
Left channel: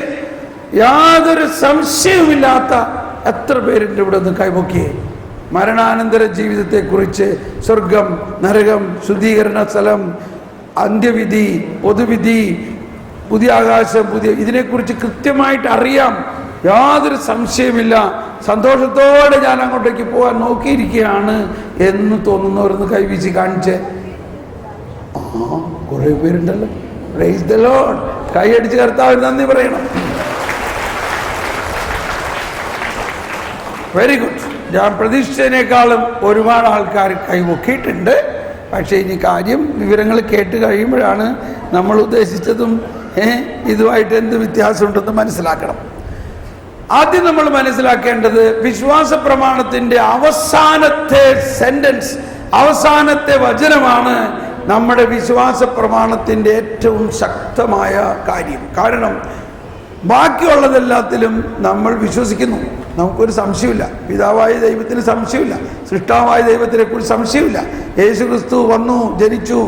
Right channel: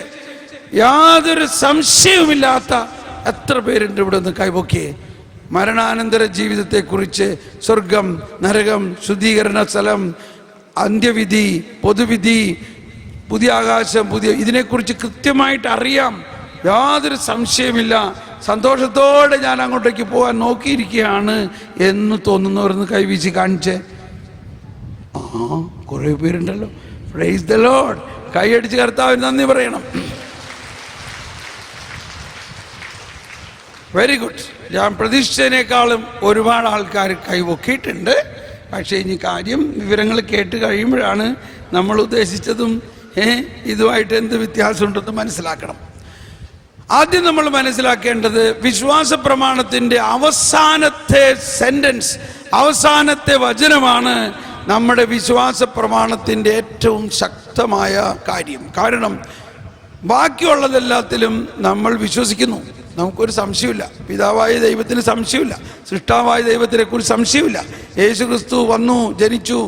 യാതൊരു സംശയവുമില്ലാത്ത എത്ര പേരുണ്ട് ഇവിടെ ഒന്ന് കൈപൊക്കിയേ? മരണാനന്തര ജീവിതത്തെക്കുറിച്ച്, സ്വർഗം, നരകം, ശുദ്ധീകരണ സ്ഥലം, അന്ത്യവിധി, പൊതുവിധി, പുതിയ ആകാശം, ഇതിനെക്കുറിച്ച് കൃത്യമായിട്ട് അറിയാം, യാതൊരു സംശയമില്ല. സന്തോഷത്തോടെ ഞാൻ അങ്ങോട്ടേക്ക് പോകാൻ നോക്കിയിരിക്കുകയാണ് എന്ന് തോന്നുന്നവരൊന്ന് കൈവീശി കാണിച്ച്. കുറേ പേരുണ്ടല്ലോ. Praise the lord. കൈയടിച്ച് കർത്താവിന് നന്ദി പറയണം. Very good. ഞാൻ പ്രതീക്ഷിച്ചതിനേക്കാളും ഒരുപാട് ആൾക്കാർ കൈവൊക്കിയിട്ടുണ്ട്. പക്ഷേ ഇനി വിവരങ്ങൾ കേട്ട് കഴിയുമ്പോഴാണ് നമ്മൾ ഉദ്ദേശിച്ചതും ഇതുമായിട്ട് എന്ത് വ്യത്യാസമുണ്ടെന്ന് മനസ്സിലാക്കണം. ആദ്യം നമ്മൾ മനസ്സിലാക്കേണ്ടത് വിശ്വാസ പ്രമാണത്തിൻ്റെ അവസാനത്തെ സെന്റൻസ്, അവസാനത്തെ വചനമാണ് നമ്മുടെ വിശ്വാസ പ്രമാണത്തിൻ്റെ ഏറ്റവും ശക്തമായ കാര്യം. കാരണം ബാക്കിയുള്ളതെല്ലാത്തിലും നമ്മൾ വിശ്വസിക്കുന്നു, നമുക്കൊരു സംശയമില്ല. പിതാവായ ദൈവത്തിന് സംശയമില്ല, സൃഷ്ടാവായ ദൈവത്തിനെ കുറിച്ച് സംശയമില്ല, യേശു ക്രിസ്തു വന്നു, ജനിച്ചു,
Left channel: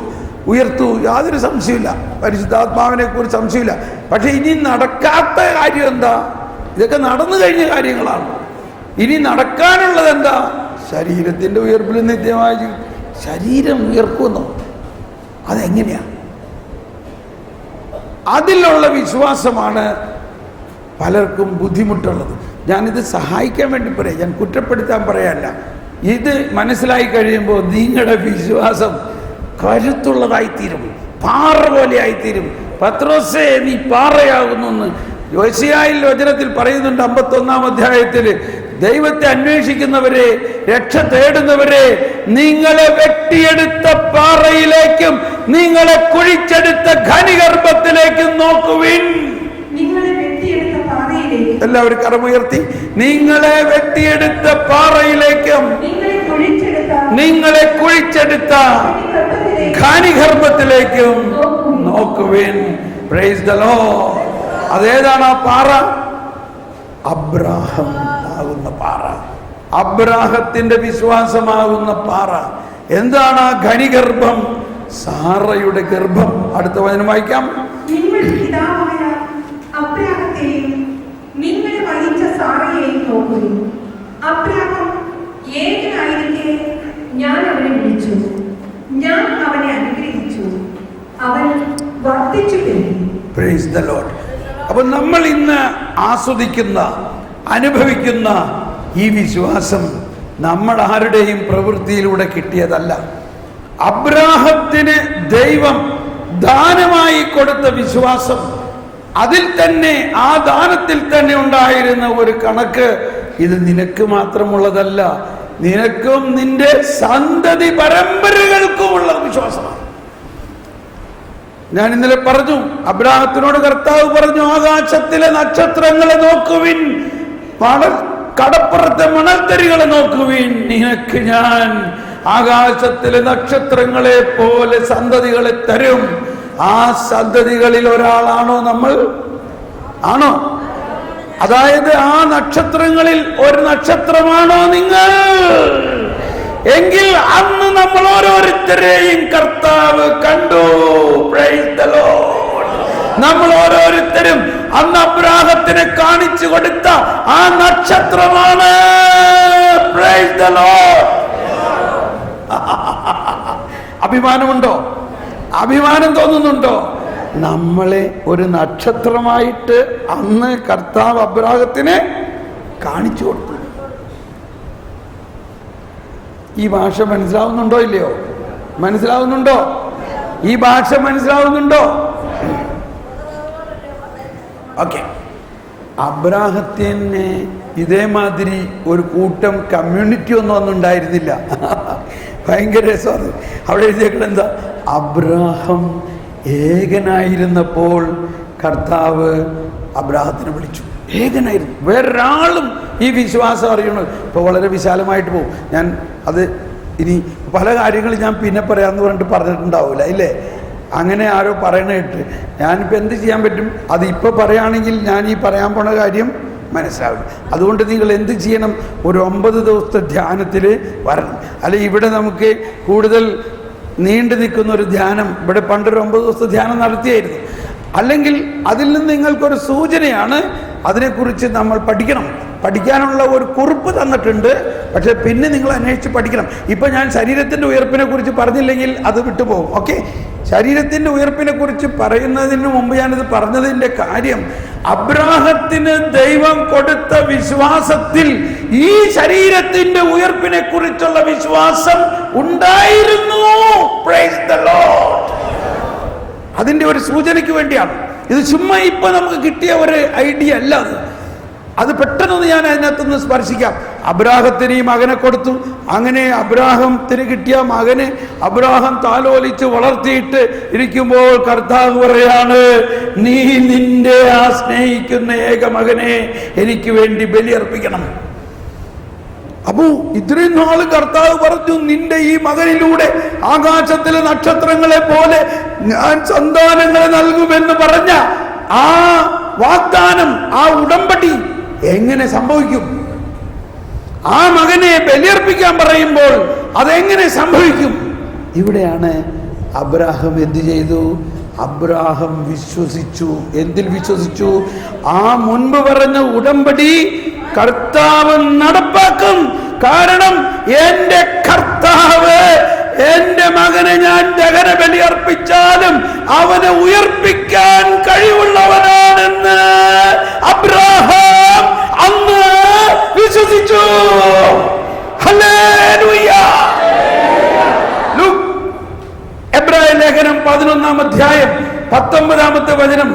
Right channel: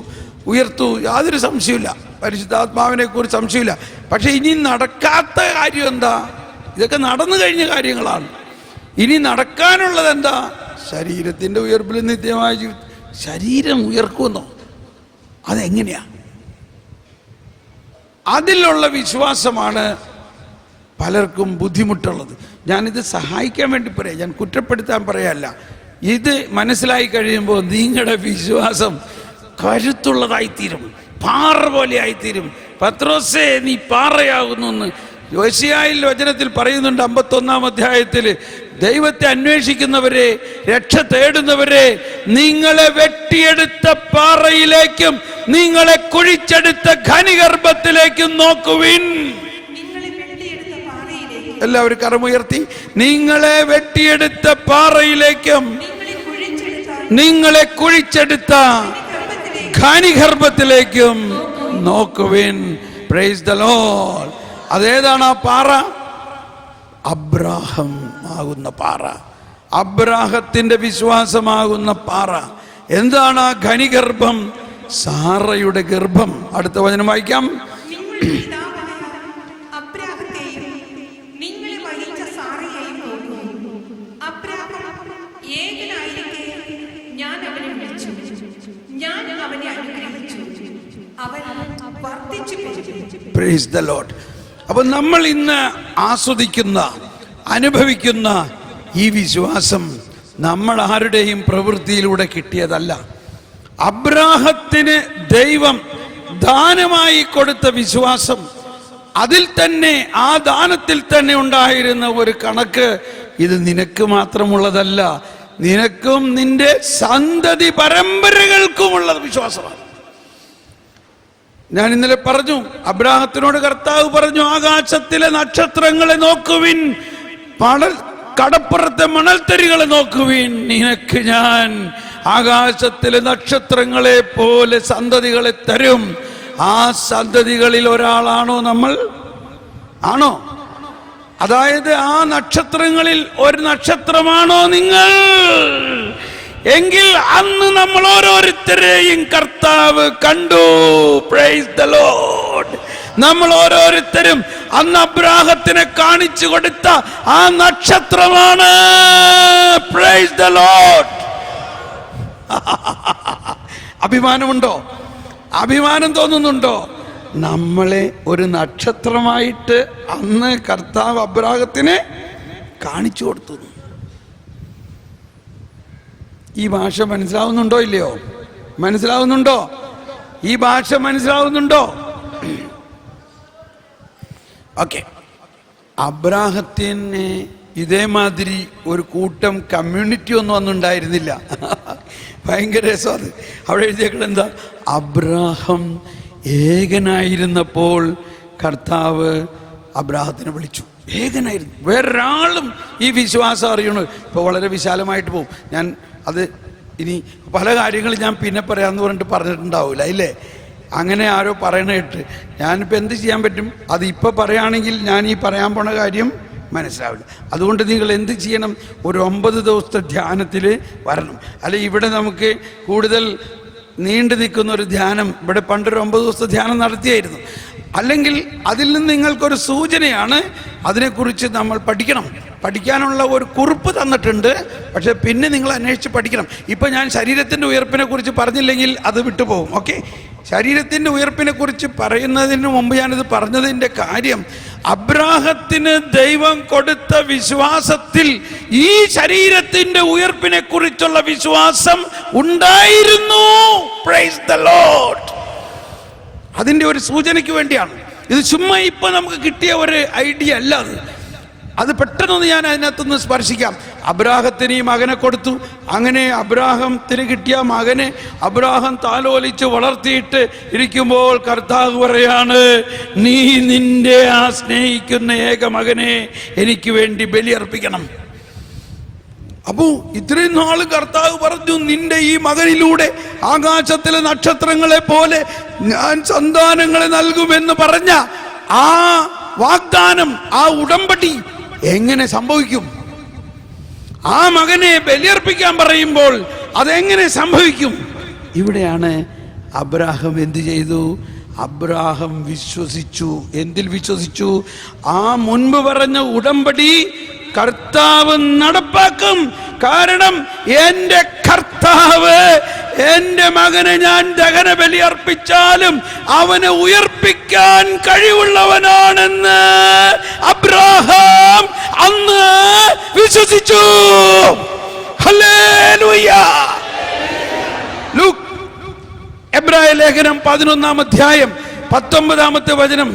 ഉയർത്തു, യാതൊരു സംശയമില്ല, പരിശുദ്ധാത്മാവിനെ കുറിച്ച് സംശയമില്ല. പക്ഷെ ഇനി നടക്കാത്ത കാര്യം എന്താ? ഇതൊക്കെ നടന്നു കഴിഞ്ഞ കാര്യങ്ങളാണ്. ഇനി നടക്കാനുള്ളത് എന്താ? ശരീരത്തിൻ്റെ ഉയർപ്പിൽ നിത്യമായ ജീവിതം. ശരീരം ഉയർക്കുന്നോ? അതെങ്ങനെയാ? അതിലുള്ള വിശ്വാസമാണ് പലർക്കും ബുദ്ധിമുട്ടുള്ളത്. ഞാനിത് സഹായിക്കാൻ വേണ്ടി പറയാം, ഞാൻ കുറ്റപ്പെടുത്താൻ പറയല്ല. ഇത് മനസ്സിലായി കഴിയുമ്പോൾ നിങ്ങളുടെ വിശ്വാസം കരുത്തുള്ളതായിത്തീരും, പാറ പോലെ ആയിത്തീരും. പത്രോസേ, നീ പാറയാകുന്നു. യോശിയായിൽ വചനത്തിൽ പറയുന്നുണ്ട്, 51-ാം അധ്യായത്തിൽ, ദൈവത്തെ അന്വേഷിക്കുന്നവരെ, രക്ഷ തേടുന്നവരെ, നിങ്ങളെ വെട്ടിയെടുത്ത പാറയിലേക്കും നിങ്ങളെ കുഴിച്ചെടുത്ത ഖനിഗർഭത്തിലേക്കും നോക്കുവിൻ. എല്ലാവരും കരമുയർത്തി. നിങ്ങളെ വെട്ടിയെടുത്ത പാറയിലേക്കും നിങ്ങളെ കുഴിച്ചെടുത്ത ഖനിഗർഭത്തിലേക്കും നോക്കുവിൻ. Praise the lord. അതേതാണ് ആ പാറ? അബ്രാഹം ആകുന്ന പാറ, അബ്രാഹത്തിന്റെ വിശ്വാസമാകുന്ന പാറ. എന്താണ് ആ ഖനിഗർഭം? സാറയുടെ ഗർഭം. അടുത്ത വചനം വായിക്കാം. ഞാൻ അവനെ വിളിച്ചു, ഞാൻ അവനെ അനുഗ്രഹിച്ചു, അവൻ വർദ്ധിച്ചു പെരുകി. Price the Lord. അപ്പൊ നമ്മൾ ഇന്ന് ആസ്വദിക്കുന്ന, അനുഭവിക്കുന്ന ഈ വിശ്വാസം നമ്മൾ ആരുടെയും പ്രവൃത്തിയിലൂടെ കിട്ടിയതല്ല. അബ്രാഹത്തിന് ദൈവം ദാനമായി കൊടുത്ത വിശ്വാസം, അതിൽ തന്നെ, ആ ദാനത്തിൽ തന്നെ ഉണ്ടായിരുന്ന ഒരു കണക്ക്, ഇത് നിനക്ക് മാത്രമുള്ളതല്ല, നിനക്കും നിന്റെ സന്തതി പരമ്പരകൾക്കുമുള്ള വിശ്വാസമാണ്. ഞാൻ ഇന്നലെ പറഞ്ഞു, അബ്രാഹത്തിനോട് കർത്താവ് പറഞ്ഞു, ആകാശത്തിലെ നക്ഷത്രങ്ങളെ നോക്കുവിൻ, കടപ്പുറത്തെ മണൽത്തരികളെ നോക്കുവിൻ, നിനക്ക് ഞാൻ ആകാശത്തിലെ നക്ഷത്രങ്ങളെ പോലെ സന്തതികളെ തരും. ആ സന്തതികളിൽ ഒരാളാണോ നമ്മൾ? ആണോ? അതായത് ആ നക്ഷത്രങ്ങളിൽ ഒരു നക്ഷത്രമാണോ നിങ്ങൾ? എങ്കിൽ അന്ന് നമ്മൾ ഓരോരുത്തരെയും കർത്താവ് കണ്ടു. Praise the lord. നമ്മൾ ഓരോരുത്തരും അന്ന് അബ്രാഹത്തിനെ കാണിച്ചു കൊടുത്ത ആ നക്ഷത്രമാണ്. Praise the lord. അഭിമാനമുണ്ടോ? അഭിമാനം തോന്നുന്നുണ്ടോ? നമ്മളെ ഒരു നക്ഷത്രമായിട്ട് അന്ന് കർത്താവ് അബ്രാഹത്തിന് കാണിച്ചു കൊടുത്തു. ഈ ഭാഷ മനസ്സിലാവുന്നുണ്ടോ ഇല്ലയോ? മനസ്സിലാവുന്നുണ്ടോ? ഈ ഭാഷ മനസ്സിലാവുന്നുണ്ടോ? ഓക്കെ. അബ്രാഹത്തിന് ഇതേമാതിരി ഒരു കൂട്ടം കമ്മ്യൂണിറ്റി ഒന്നും ഉണ്ടായിരുന്നില്ല. ഭയങ്കര രസമാണ്. അവിടെ എഴുതിയേക്കുന്നത് എന്താ? അബ്രാഹം ഏകനായിരുന്നപ്പോൾ കർത്താവ് അബ്രാഹത്തിനെ വിളിച്ചു. ഏകനായിരുന്നു, വേറൊരാളും ഈ വിശ്വാസം അറിയണു. ഇപ്പോൾ വളരെ വിശാലമായിട്ട് പോകും. ഞാൻ അത് ഇനി പല കാര്യങ്ങളും ഞാൻ പിന്നെ പറയാമെന്ന് പറഞ്ഞിട്ട് പറഞ്ഞിട്ടുണ്ടാവില്ല, ഇല്ലേ? അങ്ങനെ ആരോ പറയണേട്ട് ഞാനിപ്പോൾ എന്ത് ചെയ്യാൻ പറ്റും? അത് ഇപ്പോൾ പറയുകയാണെങ്കിൽ ഞാൻ ഈ പറയാൻ പോണ കാര്യം മനസ്സിലാവും. അതുകൊണ്ട് നിങ്ങൾ എന്ത് ചെയ്യണം? ഒരു 9 ദിവസത്തെ ധ്യാനത്തിൽ വരണം. അല്ലെങ്കിൽ ഇവിടെ നമുക്ക് കൂടുതൽ നീണ്ടു നിൽക്കുന്ന ഒരു ധ്യാനം, ഇവിടെ പണ്ടൊരു 9 ദിവസത്തെ ധ്യാനം നടത്തിയായിരുന്നു. അല്ലെങ്കിൽ അതിൽ നിന്ന് നിങ്ങൾക്കൊരു സൂചനയാണ്, അതിനെക്കുറിച്ച് നമ്മൾ പഠിക്കണം. പഠിക്കാനുള്ള ഒരു കുറിപ്പ് തന്നിട്ടുണ്ട്. പക്ഷേ പിന്നെ നിങ്ങൾ അന്വേഷിച്ച് പഠിക്കണം. ഇപ്പം ഞാൻ ശരീരത്തിൻ്റെ ഉയർപ്പിനെ കുറിച്ച് പറഞ്ഞില്ലെങ്കിൽ അത് വിട്ടുപോകും. ഓക്കെ, ശരീരത്തിൻ്റെ ഉയർപ്പിനെ കുറിച്ച് പറയുന്നതിന് മുമ്പ് ഞാനിത് പറഞ്ഞതിൻ്റെ കാര്യം, അബ്രാഹത്തിന് ദൈവം കൊടുത്ത വിശ്വാസത്തിൽ ഈ ശരീരത്തിൻ്റെ ഉയർപ്പിനെ കുറിച്ചുള്ള വിശ്വാസം ഉണ്ടായിരുന്നു. Price the Lord. അതിൻ്റെ ഒരു സൂചനയ്ക്ക് വേണ്ടിയാണ് ഇത്. ചുമ്മാ ഇപ്പം നമുക്ക് കിട്ടിയ ഒരു ഐഡിയ അല്ല അത്. അത് പെട്ടെന്ന് ഞാൻ അതിനകത്തുനിന്ന് സ്പർശിക്കാം. അബ്രാഹത്തിന് ഈ മകനെ കൊടുത്തു. അങ്ങനെ അബ്രാഹത്തിന് കിട്ടിയ മകനെ അബ്രാഹം താലോലിച്ച് വളർത്തിയിട്ട് ഇരിക്കുമ്പോൾ കർത്താവ് പറയാണ്, നീ നിന്റെ ആ സ്നേഹിക്കുന്ന ഏക മകനെ എനിക്ക് വേണ്ടി ബലിയർപ്പിക്കണം. അപ്പോ ഇത്രയും നാള് കർത്താവ് പറഞ്ഞു, നിന്റെ ഈ മകനിലൂടെ ആകാശത്തിലെ നക്ഷത്രങ്ങളെ പോലെ ഞാൻ സന്താനങ്ങളെ നൽകുമെന്ന് പറഞ്ഞ ആ വാഗ്ദാനം, ആ ഉടമ്പടി എങ്ങനെ സംഭവിക്കും? ആ മകനെ ബലിയർപ്പിക്കാൻ പറയുമ്പോൾ അതെങ്ങനെ സംഭവിക്കും? ഇവിടെയാണ് അബ്രാഹാം എന്ത് ചെയ്തു? അബ്രാഹാം വിശ്വസിച്ചു. എന്തിൽ വിശ്വസിച്ചു? ആ മുൻപ് പറഞ്ഞ ഉടമ്പടി കർത്താവ് നടപ്പാക്കും. കാരണം എന്റെ കർത്താവ് എന്റെ മകനെ ഞാൻ ദഹന ബലി അർപ്പിച്ചാലും അവനെ ഉയർപ്പിക്കാൻ കഴിവുള്ളവനാണെന്ന് അബ്രാഹാം അന്ന് വിശ്വസിച്ചു. ഹല്ലേലൂയ. എബ്രായ ലേഖനം 11-ാം അധ്യായം 19-ാമത്തെ വചനം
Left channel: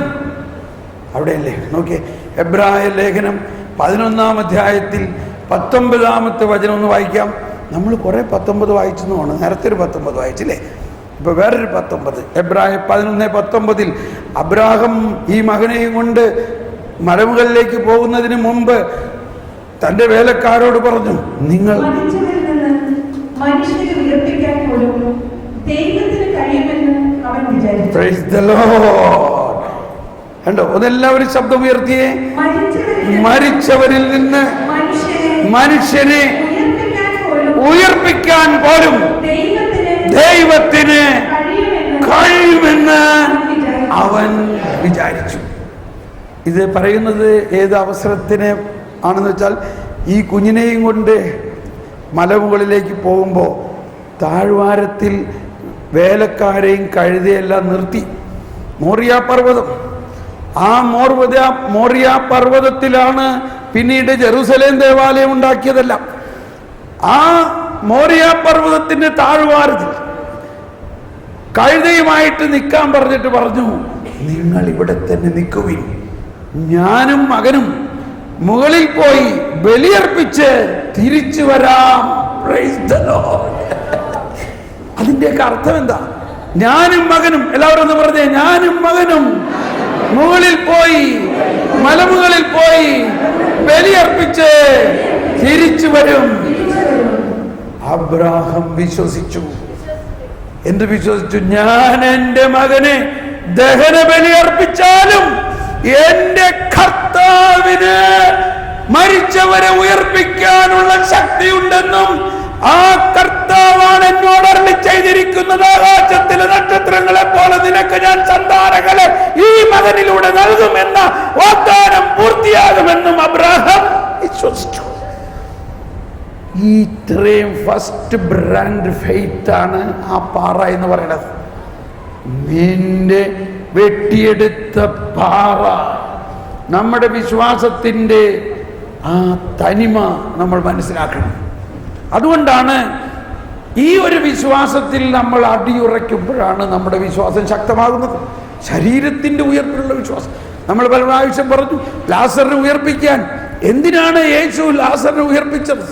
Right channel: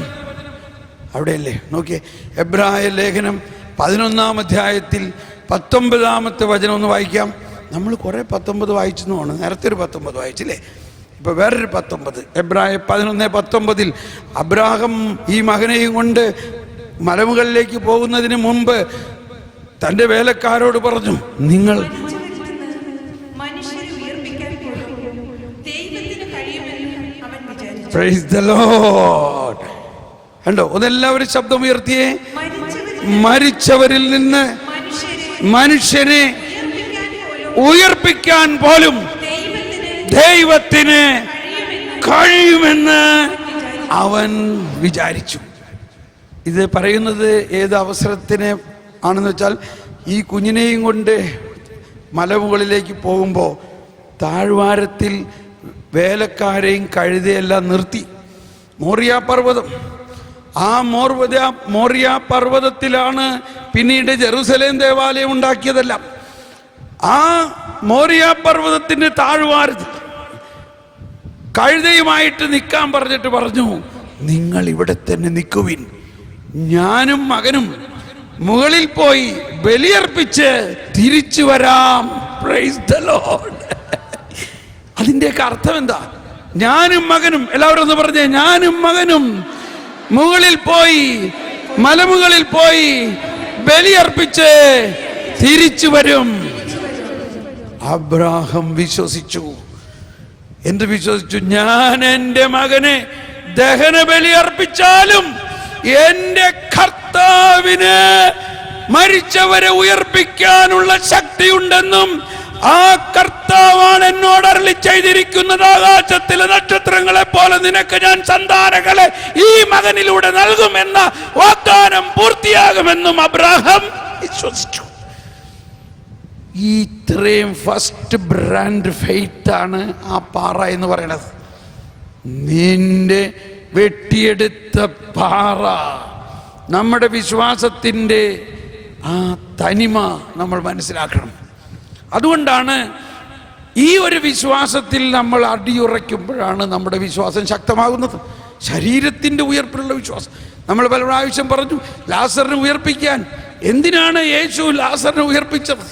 അവിടെയല്ലേ? നോക്കിയേ, എബ്രായ ലേഖനം 11-ാം അധ്യായത്തിൽ 19-ാമത്തെ വചനം ഒന്ന് വായിക്കാം. നമ്മൾ കുറെ 19 വായിച്ചെന്നാണ്. നേരത്തെ ഒരു 19 വായിച്ചില്ലേ? ഇപ്പൊ വേറൊരു 19. എബ്രായ 11:19 അബ്രാഹാം ഈ മകനെയും കൊണ്ട് മലമുകളിലേക്ക് പോകുന്നതിന് മുമ്പ് തന്റെ വേലക്കാരോട് പറഞ്ഞു, നിങ്ങൾ കണ്ടോ? ഒന്നെല്ലാവരും ശബ്ദം ഉയർത്തിയേ. മരിച്ചവരിൽ നിന്ന് മനുഷ്യനെ ഉയർപ്പിക്കാൻ പോലും ദൈവത്തിന് കഴിയുമെന്ന് അവൻ വിചാരിച്ചു. ഇത് പറയുന്നത് ഏത് അവസരത്തിന് ആണെന്ന് വെച്ചാൽ, ഈ കുഞ്ഞിനെയും കൊണ്ട് മലമുകളിലേക്ക് പോകുമ്പോൾ താഴ്വാരത്തിൽ വേലക്കാരെയും കഴുതയെല്ലാം നിർത്തി. മോറിയ പർവ്വതം, ആ മോറിയ പർവ്വതത്തിലാണ് പിന്നീട് ജെറുസലേം ദേവാലയം ഉണ്ടാക്കിയതല്ല. ആ മോറിയ പർവ്വതത്തിന്റെ താഴ്വാരത്തിൽ കഴുതയുമായിട്ട് നിൽക്കാൻ പറഞ്ഞിട്ട് പറഞ്ഞു, നിങ്ങൾ ഇവിടെ തന്നെ നിൽക്കുവിൻ, ഞാനും മകനും മുകളിൽ പോയി ബലിയർപ്പിച്ച് തിരിച്ചു വരാം. Price the Lord. അതിന്റെയൊക്കെ അർത്ഥം എന്താ? ഞാനും മകനും, എല്ലാവരും ഒന്ന് പറഞ്ഞേ, ഞാനും മകനും മുകളിൽ പോയി, മലമുകളിൽ പോയി ബലിയർപ്പിച്ച് തിരിച്ചു വരും. അബ്രാഹാം വിശ്വസിച്ചു. എന്ത് വിശ്വസിച്ചു? ഞാൻ എൻ്റെ മകനെ ദഹന ബലി അർപ്പിച്ചാലും എന്റെ കർത്താവിന് മരിച്ചവരെ ഉയർപ്പിക്കാനുള്ള ശക്തിയുണ്ടെന്നും ആ കർത്താവാണ് എന്നോട് അരുളി ചെയ്തിരിക്കുന്നത്, ആകാശത്തിലെ നക്ഷത്രങ്ങളെ പോലെ നിനക്ക് ഞാൻ സന്താനങ്ങളെ ഈ മകനിലൂടെ നൽകുമെന്ന വാഗ്ദാനം പൂർത്തിയാകുമെന്നും അബ്രാഹാം വിശ്വസിച്ചു. ഈ ഇത്രയും ഫസ്റ്റ് ബ്രാൻഡ് ഫെയ്ത്ത് ആണ് ആ പാറ എന്ന് പറയുന്നത്. നിന്റെ വെട്ടിയെടുത്ത പാറ, നമ്മുടെ വിശ്വാസത്തിൻ്റെ ആ തനിമ നമ്മൾ മനസ്സിലാക്കണം. അതുകൊണ്ടാണ് ഈ ഒരു വിശ്വാസത്തിൽ നമ്മൾ അടിയുറയ്ക്കുമ്പോഴാണ് നമ്മുടെ വിശ്വാസം ശക്തമാകുന്നത്. ശരീരത്തിൻ്റെ ഉയർപ്പിലുള്ള വിശ്വാസം. നമ്മൾ പല പ്രാവശ്യം പറഞ്ഞു, ലാസറിനെ ഉയർപ്പിക്കാൻ എന്തിനാണ് യേശു ലാസറിനെ ഉയർപ്പിച്ചത്?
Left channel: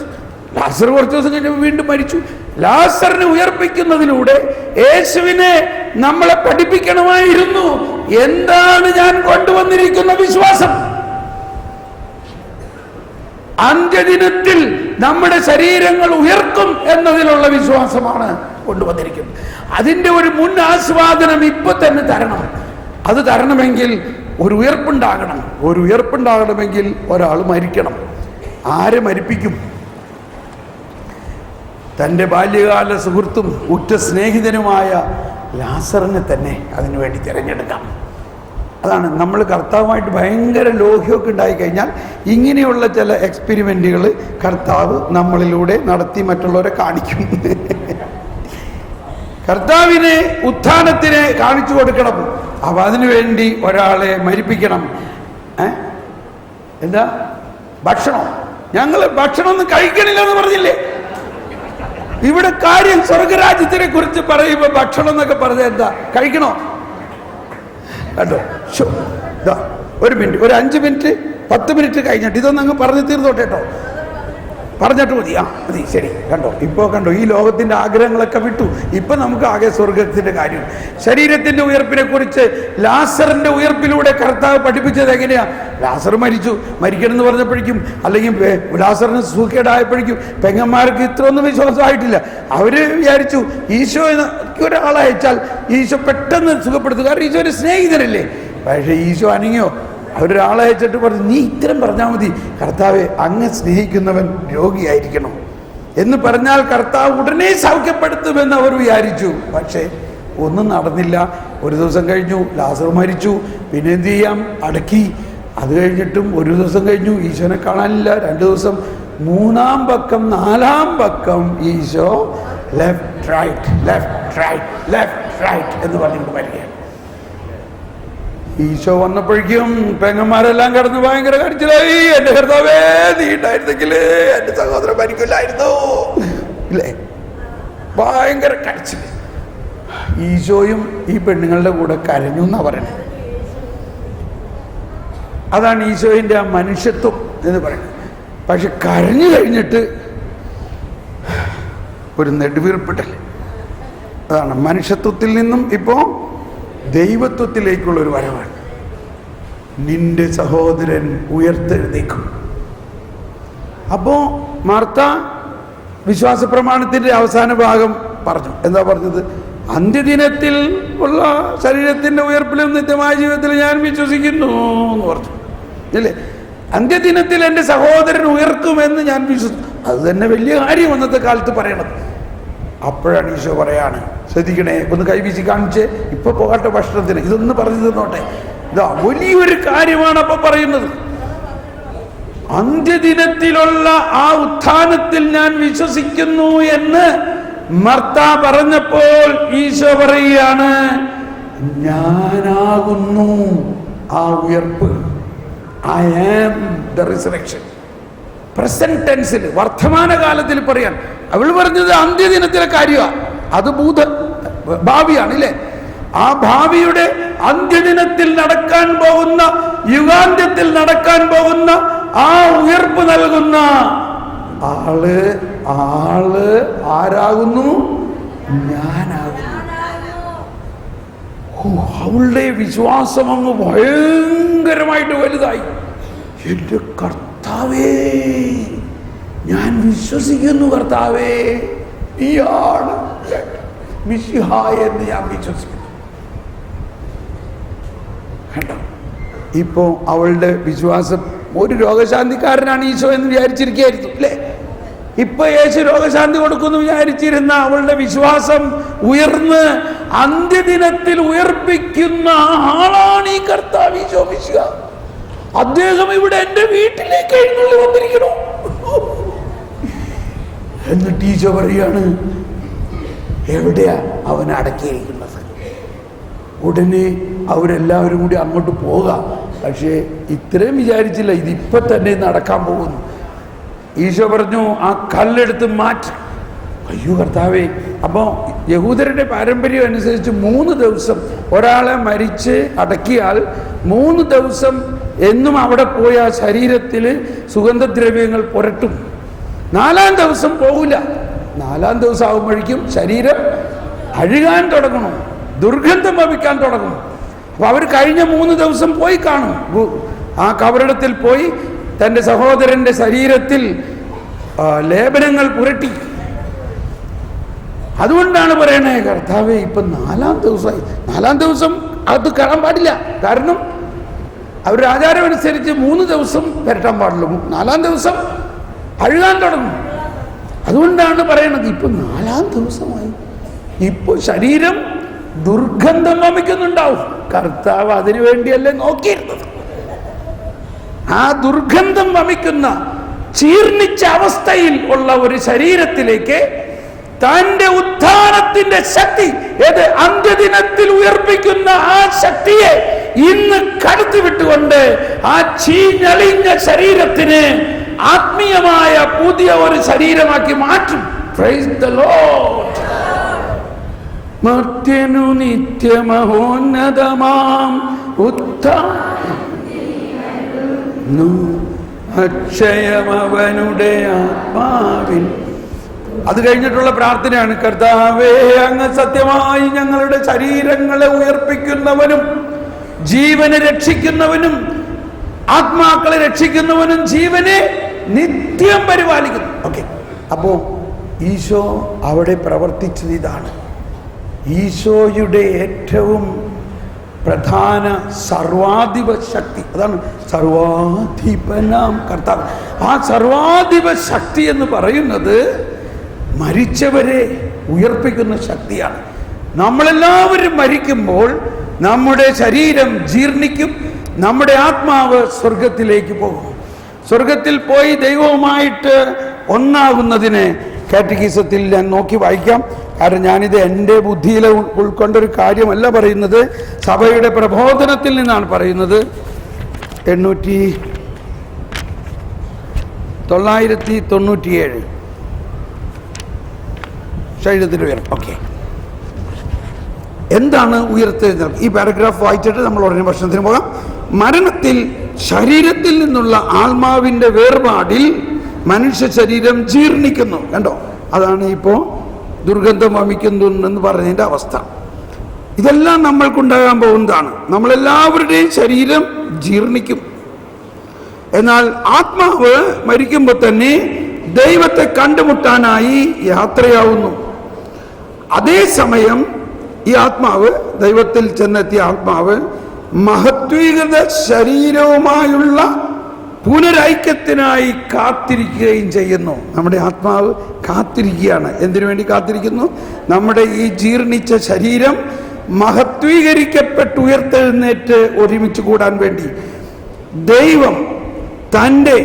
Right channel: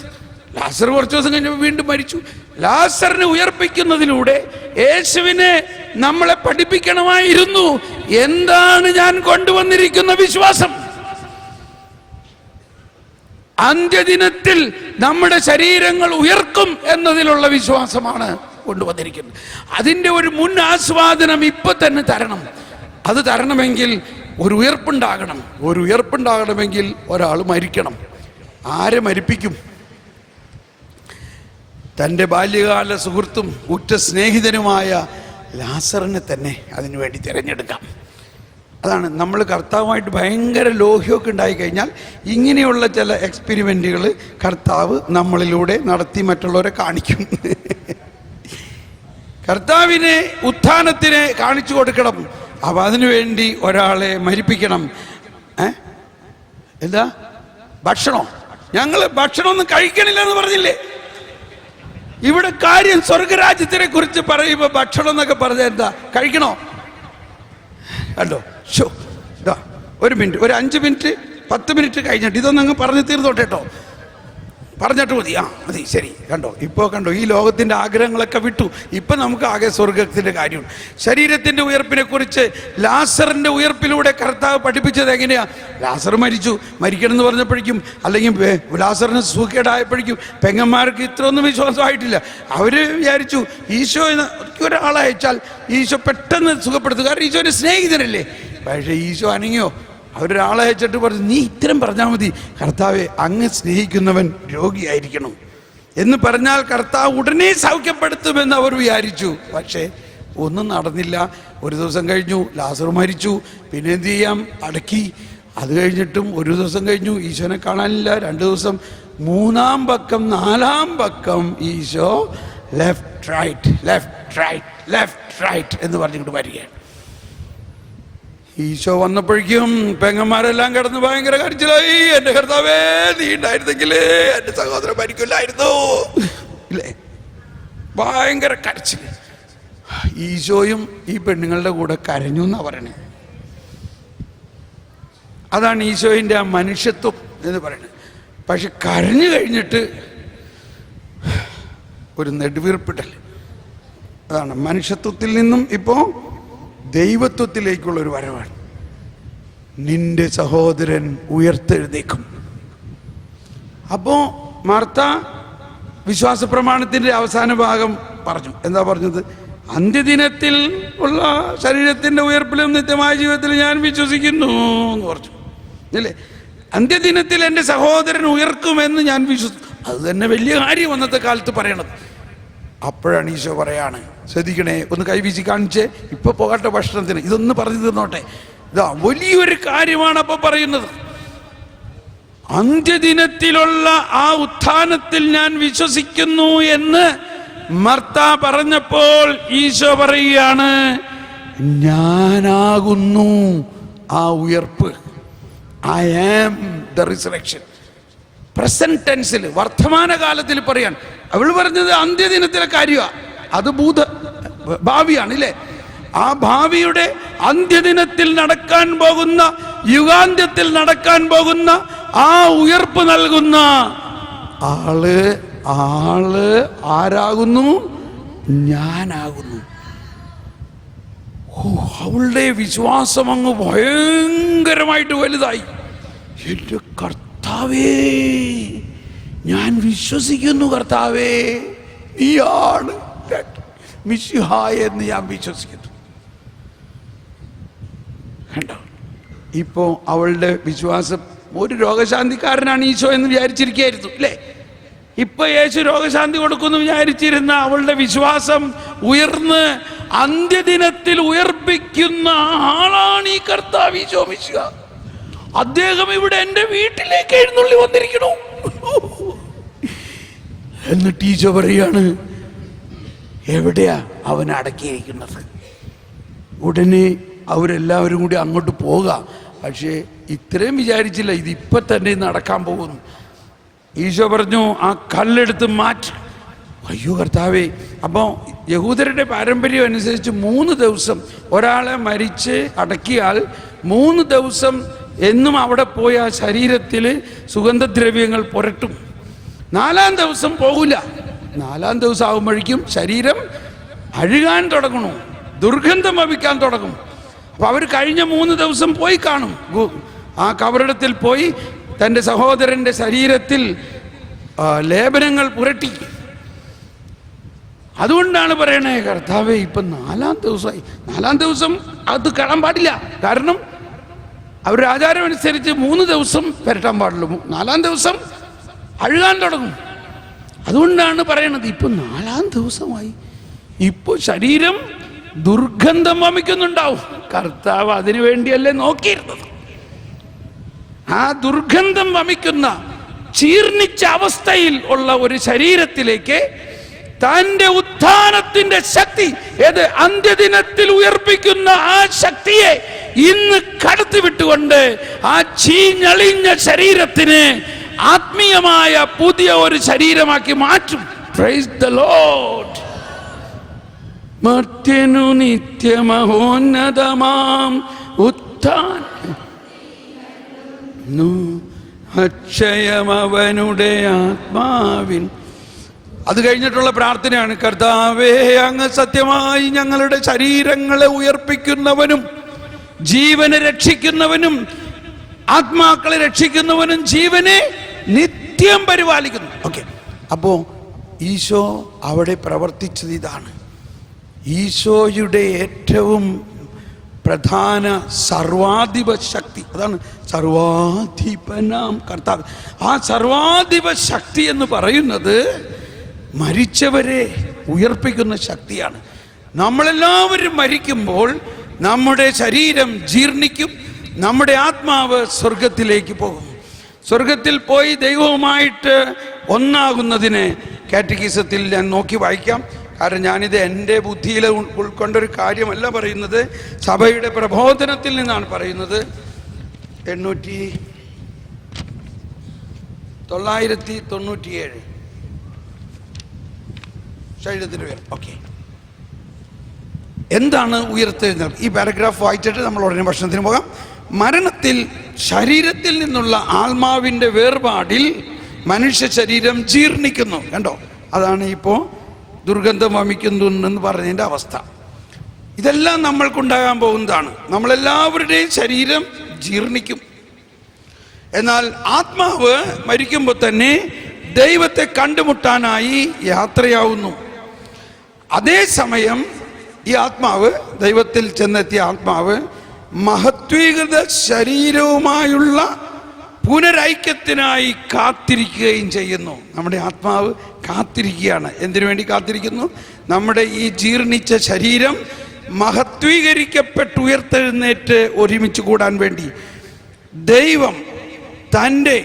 ലാസർ കുറച്ച് ദിവസം കഴിഞ്ഞപ്പോൾ വീണ്ടും മരിച്ചു. ലാസറിനെ ഉയർപ്പിക്കുന്നതിലൂടെ യേശുവിനെ നമ്മളെ പഠിപ്പിക്കണമായിരുന്നു, എന്താണ് ഞാൻ കൊണ്ടുവന്നിരിക്കുന്ന വിശ്വാസം. അന്ത്യദിനത്തിൽ നമ്മുടെ ശരീരങ്ങൾ ഉയർത്തും എന്നതിലുള്ള വിശ്വാസമാണ് കൊണ്ടുവന്നിരിക്കുന്നത്. അതിൻ്റെ ഒരു മുൻ ആസ്വാദനം ഇപ്പൊ തന്നെ തരണം. അത് തരണമെങ്കിൽ ഒരു ഉയർപ്പുണ്ടാകണം. ഒരു ഉയർപ്പുണ്ടാകണമെങ്കിൽ ഒരാൾ മരിക്കണം. ആരെ മരിപ്പിക്കും? തൻ്റെ ബാല്യകാല സുഹൃത്തും ഉറ്റ സ്നേഹിതനുമായ ലാസറിനെ തന്നെ അതിനുവേണ്ടി തിരഞ്ഞെടുക്കാം. അതാണ് നമ്മൾ കർത്താവുമായിട്ട് ഭയങ്കര ലോഹ്യമൊക്കെ ഉണ്ടായിക്കഴിഞ്ഞാൽ ഇങ്ങനെയുള്ള ചില എക്സ്പെരിമെൻറ്റുകൾ കർത്താവ് നമ്മളിലൂടെ നടത്തി മറ്റുള്ളവരെ കാണിക്കും. കർത്താവിനെ ഉത്ഥാനത്തിന് കാണിച്ചു കൊടുക്കണം. അപ്പം അതിനുവേണ്ടി ഒരാളെ മരിപ്പിക്കണം. എന്താ ഭക്ഷണം? ഞങ്ങൾ ഭക്ഷണമൊന്നും കഴിക്കണില്ലെന്ന് പറഞ്ഞില്ലേ? ഇവിടെ കാര്യം സ്വർഗരാജ്യത്തിനെ കുറിച്ച് പറയുമ്പോൾ ഭക്ഷണം എന്നൊക്കെ പറഞ്ഞാൽ എന്താ? കഴിക്കണോ? കണ്ടോ? ഒരു മിനിറ്റ്, ഒരു 5 മിനിറ്റ് 10 മിനിറ്റ് കഴിഞ്ഞിട്ട് ഇതൊന്നും അങ്ങ് പറഞ്ഞു തീർന്നോട്ടെ കേട്ടോ. പറഞ്ഞിട്ട് മതി. മതി, ശരി. കണ്ടോ ഈ ലോകത്തിൻ്റെ ആഗ്രഹങ്ങളൊക്കെ വിട്ടു. ഇപ്പം നമുക്ക് ആകെ സ്വർഗത്തിൻ്റെ കാര്യം. ശരീരത്തിൻ്റെ ഉയർപ്പിനെ കുറിച്ച് ലാസറിൻ്റെ ഉയർപ്പിലൂടെ കർത്താവ് പഠിപ്പിച്ചത് എങ്ങനെയാ? ലാസർ മരിക്കണം എന്ന് പറഞ്ഞപ്പോഴേക്കും, അല്ലെങ്കിൽ ലാസറിന് സൂക്കേടായപ്പോഴേക്കും പെങ്ങന്മാർക്ക് ഇത്രയൊന്നും വിശ്വാസമായിട്ടില്ല. അവർ വിചാരിച്ചു ഈശോ ഒരാളെ അയച്ചാൽ ഈശോ പെട്ടെന്ന് സുഖപ്പെടുത്തുക, കാരണം ഈശോ ഒരു സ്നേഹിതനല്ലേ. പക്ഷേ ഈശോ അനങ്ങിയോ? അവരൊരാളെ അയച്ചിട്ട് പറഞ്ഞു, നീ ഇത്തരം പറഞ്ഞാൽ മതി, കർത്താവെ അങ്ങ് സ്നേഹിക്കുന്നവൻ രോഗിയായിരിക്കണം എന്ന് പറഞ്ഞാൽ കർത്താവ് ഉടനെ സൗഖ്യപ്പെടുത്തുമെന്ന് അവർ വിചാരിച്ചു. പക്ഷേ ഒന്നും നടന്നില്ല. ഒരു ദിവസം കഴിഞ്ഞു, ലാസർ മരിച്ചു. പിന്നെ എന്ത് ചെയ്യാം? അടക്കി. അത് കഴിഞ്ഞിട്ടും ഒരു ദിവസം കഴിഞ്ഞു, ഈശോനെ കാണാനില്ല. 2 ദിവസം, 3-ാം പക്കം 4-ാം പക്കം ഈശോ ലെഫ്റ്റ് റൈറ്റ് എന്ന് പറഞ്ഞുകൊണ്ട് വരികയാണ്. ഈശോ വന്നപ്പോഴേക്കും പെങ്ങന്മാരെല്ലാം കടന്ന് ഭയങ്കര കരച്ചിലായി. എൻ്റെ കർത്താവേ, നീ ഉണ്ടായിരുന്നെങ്കിൽ എൻ്റെ സഹോദരൻ മരിക്കില്ലായിരുന്നു, ഇല്ലേ? ഭയങ്കര കരച്ചിൽ. ഈശോയും ഈ പെണ്ണുങ്ങളുടെ കൂടെ കരഞ്ഞു എന്നാ പറയുന്നത്. അതാണ് ഈശോയിൻ്റെ ആ മനുഷ്യത്വം എന്ന് പറയുന്നത്. പക്ഷെ കരഞ്ഞു കഴിഞ്ഞിട്ട് ഒരു നെടുവീർപ്പിടൽ. അതാണ് മനുഷ്യത്വത്തിൽ നിന്നും ഇപ്പോൾ ദൈവത്വത്തിലേക്കുള്ളൊരു വരവാണ്. നിന്റെ സഹോദരൻ ഉയർത്തെഴുന്നേക്കും. അപ്പോൾ മാർത്ത വിശ്വാസ പ്രമാണത്തിൻ്റെ അവസാന ഭാഗം പറഞ്ഞു. എന്താ പറഞ്ഞത്? അന്ത്യദിനത്തിൽ ഉള്ള ശരീരത്തിൻ്റെ ഉയർപ്പിലും നിത്യമായ ജീവിതത്തിൽ ഞാൻ വിശ്വസിക്കുന്നു എന്ന് പറഞ്ഞു, അല്ലേ? അന്ത്യദിനത്തിൽ എൻ്റെ സഹോദരൻ ഉയർത്തുമെന്ന് ഞാൻ വിശ്വസിച്ചു. അത് തന്നെ വലിയ കാര്യം അന്നത്തെ കാലത്ത് പറയണത്. അപ്പോഴാണ് ഈശോ പറയാണ്, ശ്രദ്ധിക്കണേ, ഒന്ന് കൈവീശി കാണിച്ച്, ഇപ്പൊ പോകട്ടെ ഭക്ഷണത്തിന്, ഇതൊന്ന് പറഞ്ഞു തന്നോട്ടെ. ഇതാ വലിയൊരു കാര്യമാണ് അപ്പൊ പറയുന്നത്. അന്ത്യദിനത്തിലുള്ള ആ ഉത്ഥാനത്തിൽ ഞാൻ വിശ്വസിക്കുന്നു എന്ന് മർത്ത പറഞ്ഞപ്പോൾ ഈശോ പറയുകയാണ്, ഞാനാകുന്നു ആ ഉയർപ്പ്. I am the resurrection. Present ടെൻസിൽ, വർത്തമാനകാലത്തിൽ പറയാം. അവൾ പറഞ്ഞത് അന്ത്യദിനത്തിലെ കാര്യമാണ്, അത് ഭാവിയാണ്, ഇല്ലേ? ആ ഭാവിയുടെ അന്ത്യദിനത്തിൽ നടക്കാൻ പോകുന്ന, യുഗാന്ത്യത്തിൽ നടക്കാൻ പോകുന്ന ആ ഉയർപ്പ് നൽകുന്ന ആള് ആരാകുന്നു? ഞാനാകുന്നു. അവളുടെ വിശ്വാസം അങ്ങ് ഭയങ്കരമായിട്ട് വലുതായി. എൻ്റെ കർത്താവേ, ഞാൻ വിശ്വസിക്കുന്നു, കർത്താവേ നീയാണ് മിശിഹ എന്ന് ഞാൻ വിശ്വസിക്കുന്നു. ഇപ്പോ അവളുടെ വിശ്വാസം, ഒരു രോഗശാന്തിക്കാരനാണ് ഈശോ എന്ന് വിചാരിച്ചിരിക്കുകയായിരുന്നു, അല്ലേ? ഇപ്പൊ യേശു രോഗശാന്തി കൊടുക്കുന്നു വിചാരിച്ചിരുന്ന അവളുടെ വിശ്വാസം ഉയർന്ന് അന്ത്യദിനത്തിൽ ഉയർപ്പിക്കുന്ന ആളാണ് ഈ കർത്താവ് ഈശോ മിശിഹ. അദ്ദേഹം ഇവിടെ എൻ്റെ വീട്ടിലേക്ക് എഴുന്നള്ളി വന്നിരിക്കണു. എന്നിട്ട് ഈശോ പറയാണ്, എവിടെയാ അവൻ അടക്കിയിരിക്കുന്നത്? ഉടനെ അവരെല്ലാവരും കൂടി അങ്ങോട്ട് പോകാം. പക്ഷേ ഇത്രയും വിചാരിച്ചില്ല, ഇതിപ്പോൾ തന്നെ നടക്കാൻ പോകുന്നു. ഈശോ പറഞ്ഞു, ആ കല്ലെടുത്ത് മാറ്റി. അയ്യോ കർത്താവേ! അപ്പോൾ യഹൂദരുടെ പാരമ്പര്യം അനുസരിച്ച് 3 ദിവസം ഒരാളെ മരിച്ച് അടക്കിയാൽ 3 ദിവസം എന്നും അവിടെ പോയ ശരീരത്തിൽ സുഗന്ധദ്രവ്യങ്ങൾ പുരട്ടും. 4-ാം ദിവസം പോകില്ല. 4-ാം ദിവസം ആകുമ്പോഴേക്കും ശരീരം അഴുകാൻ തുടങ്ങണം, ദുർഗന്ധം വമിക്കാൻ തുടങ്ങും. അപ്പോൾ അവർ കഴിഞ്ഞ 3 ദിവസം പോയി കാണും. ആ കബറിടത്തിൽ പോയി തൻ്റെ സഹോദരൻ്റെ ശരീരത്തിൽ ലേപനങ്ങൾ പുരട്ടി. അതുകൊണ്ടാണ് പറയണേ, കർത്താവേ ഇപ്പം 4-ാം ദിവസമായി. 4-ാം ദിവസം അത് കയറാൻ പാടില്ല, കാരണം അവരുടെ ആചാരം അനുസരിച്ച് 3 ദിവസം പുരട്ടാൻ പാടുള്ളൂ. 4-ാം ദിവസം അഴുകാൻ തുടങ്ങും. അതുകൊണ്ടാണ് പറയണത്, ഇപ്പം 4-ാം ദിവസമായി, ഇപ്പോൾ ശരീരം ദുർഗന്ധം വമിക്കുന്നുണ്ടാവും. കർത്താവ് അതിനു വേണ്ടിയല്ലേ നോക്കിയിരുന്നത്. ആ ദുർഗന്ധം വമിക്കുന്ന ചീർണിച്ച അവസ്ഥയിൽ ഉള്ള ഒരു ശരീരത്തിലേക്ക് തന്റെ ഉത്ഥാനത്തിന്റെ ശക്തി, ഏത് അന്ത്യദിനത്തിൽ ഉയർപ്പിക്കുന്ന ആ ശക്തിയെ ഇന്ന് കടത്തിവിട്ടുകൊണ്ട് ആ ചീഞ്ഞളിഞ്ഞ ശരീരത്തിന് ആത്മീയമായ പുതിയ ഒരു ശരീരമാക്കി മാറ്റും. Praise the lord. മർത്യനു നിത്യമഹോന്നതമാം ഉത്ഥാനം അക്ഷയമവനുടെ ആത്മാവിൻ. അത് കഴിഞ്ഞിട്ടുള്ള പ്രാർത്ഥനയാണ്, കർത്താവേ അങ്ങ് സത്യമായി ഞങ്ങളുടെ ശരീരങ്ങളെ ഉയർപ്പിക്കുന്നവനും ജീവനെ രക്ഷിക്കുന്നവനും ആത്മാക്കളെ രക്ഷിക്കുന്നവനും ജീവനെ നിത്യം പരിപാലിക്കുന്നു. ഓക്കെ, അപ്പോ ഈശോ അവിടെ പ്രവർത്തിച്ചത് ഇതാണ്. ഈശോയുടെ ഏറ്റവും പ്രധാന സർവാധിപ ശക്തി, അതാണ് സർവാധിപനാം കർത്താവ്. ആ സർവാധിപ ശക്തി എന്ന് പറയുന്നത് മരിച്ചവരെ ഉയർപ്പിക്കുന്ന ശക്തിയാണ്. നമ്മളെല്ലാവരും മരിക്കുമ്പോൾ നമ്മുടെ ശരീരം ജീർണിക്കും, നമ്മുടെ ആത്മാവ് സ്വർഗത്തിലേക്ക് പോകും. സ്വർഗത്തിൽ പോയി ദൈവവുമായിട്ട് ഒന്നാകുന്നതിന് കാറ്റഗിസത്തിൽ ഞാൻ നോക്കി വായിക്കാം. കാരണം ഞാനിത് എൻ്റെ ബുദ്ധിയിൽ ഉൾക്കൊണ്ടൊരു കാര്യമല്ല പറയുന്നത്, സഭയുടെ പ്രബോധനത്തിൽ നിന്നാണ് പറയുന്നത്. 997 ശരീരത്തിൽ ഉയർത്തും. ഓക്കെ, എന്താണ് ഉയർത്തെഴുന്നത്? ഈ പാരഗ്രാഫ് വായിച്ചിട്ട് നമ്മൾ ഉടനെ പ്രശ്നത്തിന് പോകാം. മരണത്തിൽ ശരീരത്തിൽ നിന്നുള്ള ആത്മാവിൻ്റെ വേർപാടിൽ മനുഷ്യ ശരീരം ജീർണിക്കുന്നു. കണ്ടോ, അതാണ് ഇപ്പോൾ ദുർഗന്ധം വമിക്കുന്നുണ്ടെന്ന് പറഞ്ഞതിൻ്റെ അവസ്ഥ. ഇതെല്ലാം നമ്മൾക്കുണ്ടാകാൻ പോകുന്നതാണ്. നമ്മളെല്ലാവരുടെയും ശരീരം ജീർണിക്കും. എന്നാൽ ആത്മാവ് മരിക്കുമ്പോൾ തന്നെ ദൈവത്തെ കണ്ടുമുട്ടാനായി യാത്രയാവുന്നു. അതേസമയം ഈ ആത്മാവ്, ദൈവത്തിൽ ചെന്നെത്തിയ ആത്മാവ് മഹത്വീകൃത ശരീരവുമായുള്ള പുനരൈക്യത്തിനായി കാത്തിരിക്കുകയും ചെയ്യുന്നു. നമ്മുടെ ആത്മാവ് കാത്തിരിക്കുകയാണ്. എന്തിനു വേണ്ടി കാത്തിരിക്കുന്നു? നമ്മുടെ ഈ ജീർണിച്ച ശരീരം മഹത്വീകരിക്കപ്പെട്ട് ഉയർത്തെഴുന്നേറ്റ് ഒരുമിച്ച് കൂടാൻ വേണ്ടി ദൈവം തൻ്റെ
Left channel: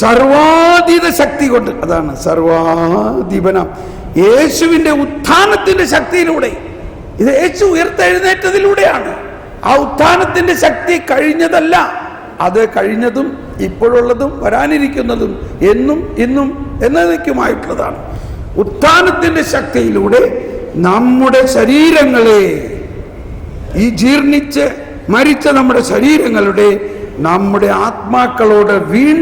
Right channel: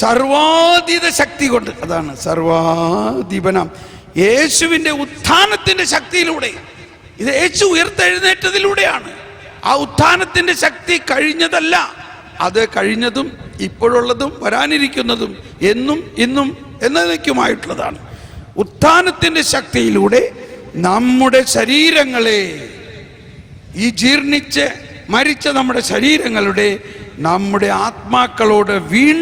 സർവാധീത ശക്തി കൊണ്ട്, അതാണ് സർവാധിപനം, യേശുവിൻ്റെ ഉത്ഥാനത്തിൻ്റെ ശക്തിയിലൂടെ, ഇത് യേശു ഉയർത്തെഴുന്നേറ്റതിലൂടെയാണ്. ആ ഉത്ഥാനത്തിൻ്റെ ശക്തി കഴിഞ്ഞതല്ല, അത് കഴിഞ്ഞതും ഇപ്പോഴുള്ളതും വരാനിരിക്കുന്നതും എന്നും ഇന്നും എന്നേക്കുമായിട്ടുള്ളതാണ്. ഉത്ഥാനത്തിൻ്റെ ശക്തിയിലൂടെ നമ്മുടെ ശരീരങ്ങളെ, ഈ ജീർണിച്ച് മരിച്ച നമ്മുടെ ശരീരങ്ങളുടെ, നമ്മുടെ ആത്മാക്കളോട് വീണ്ടും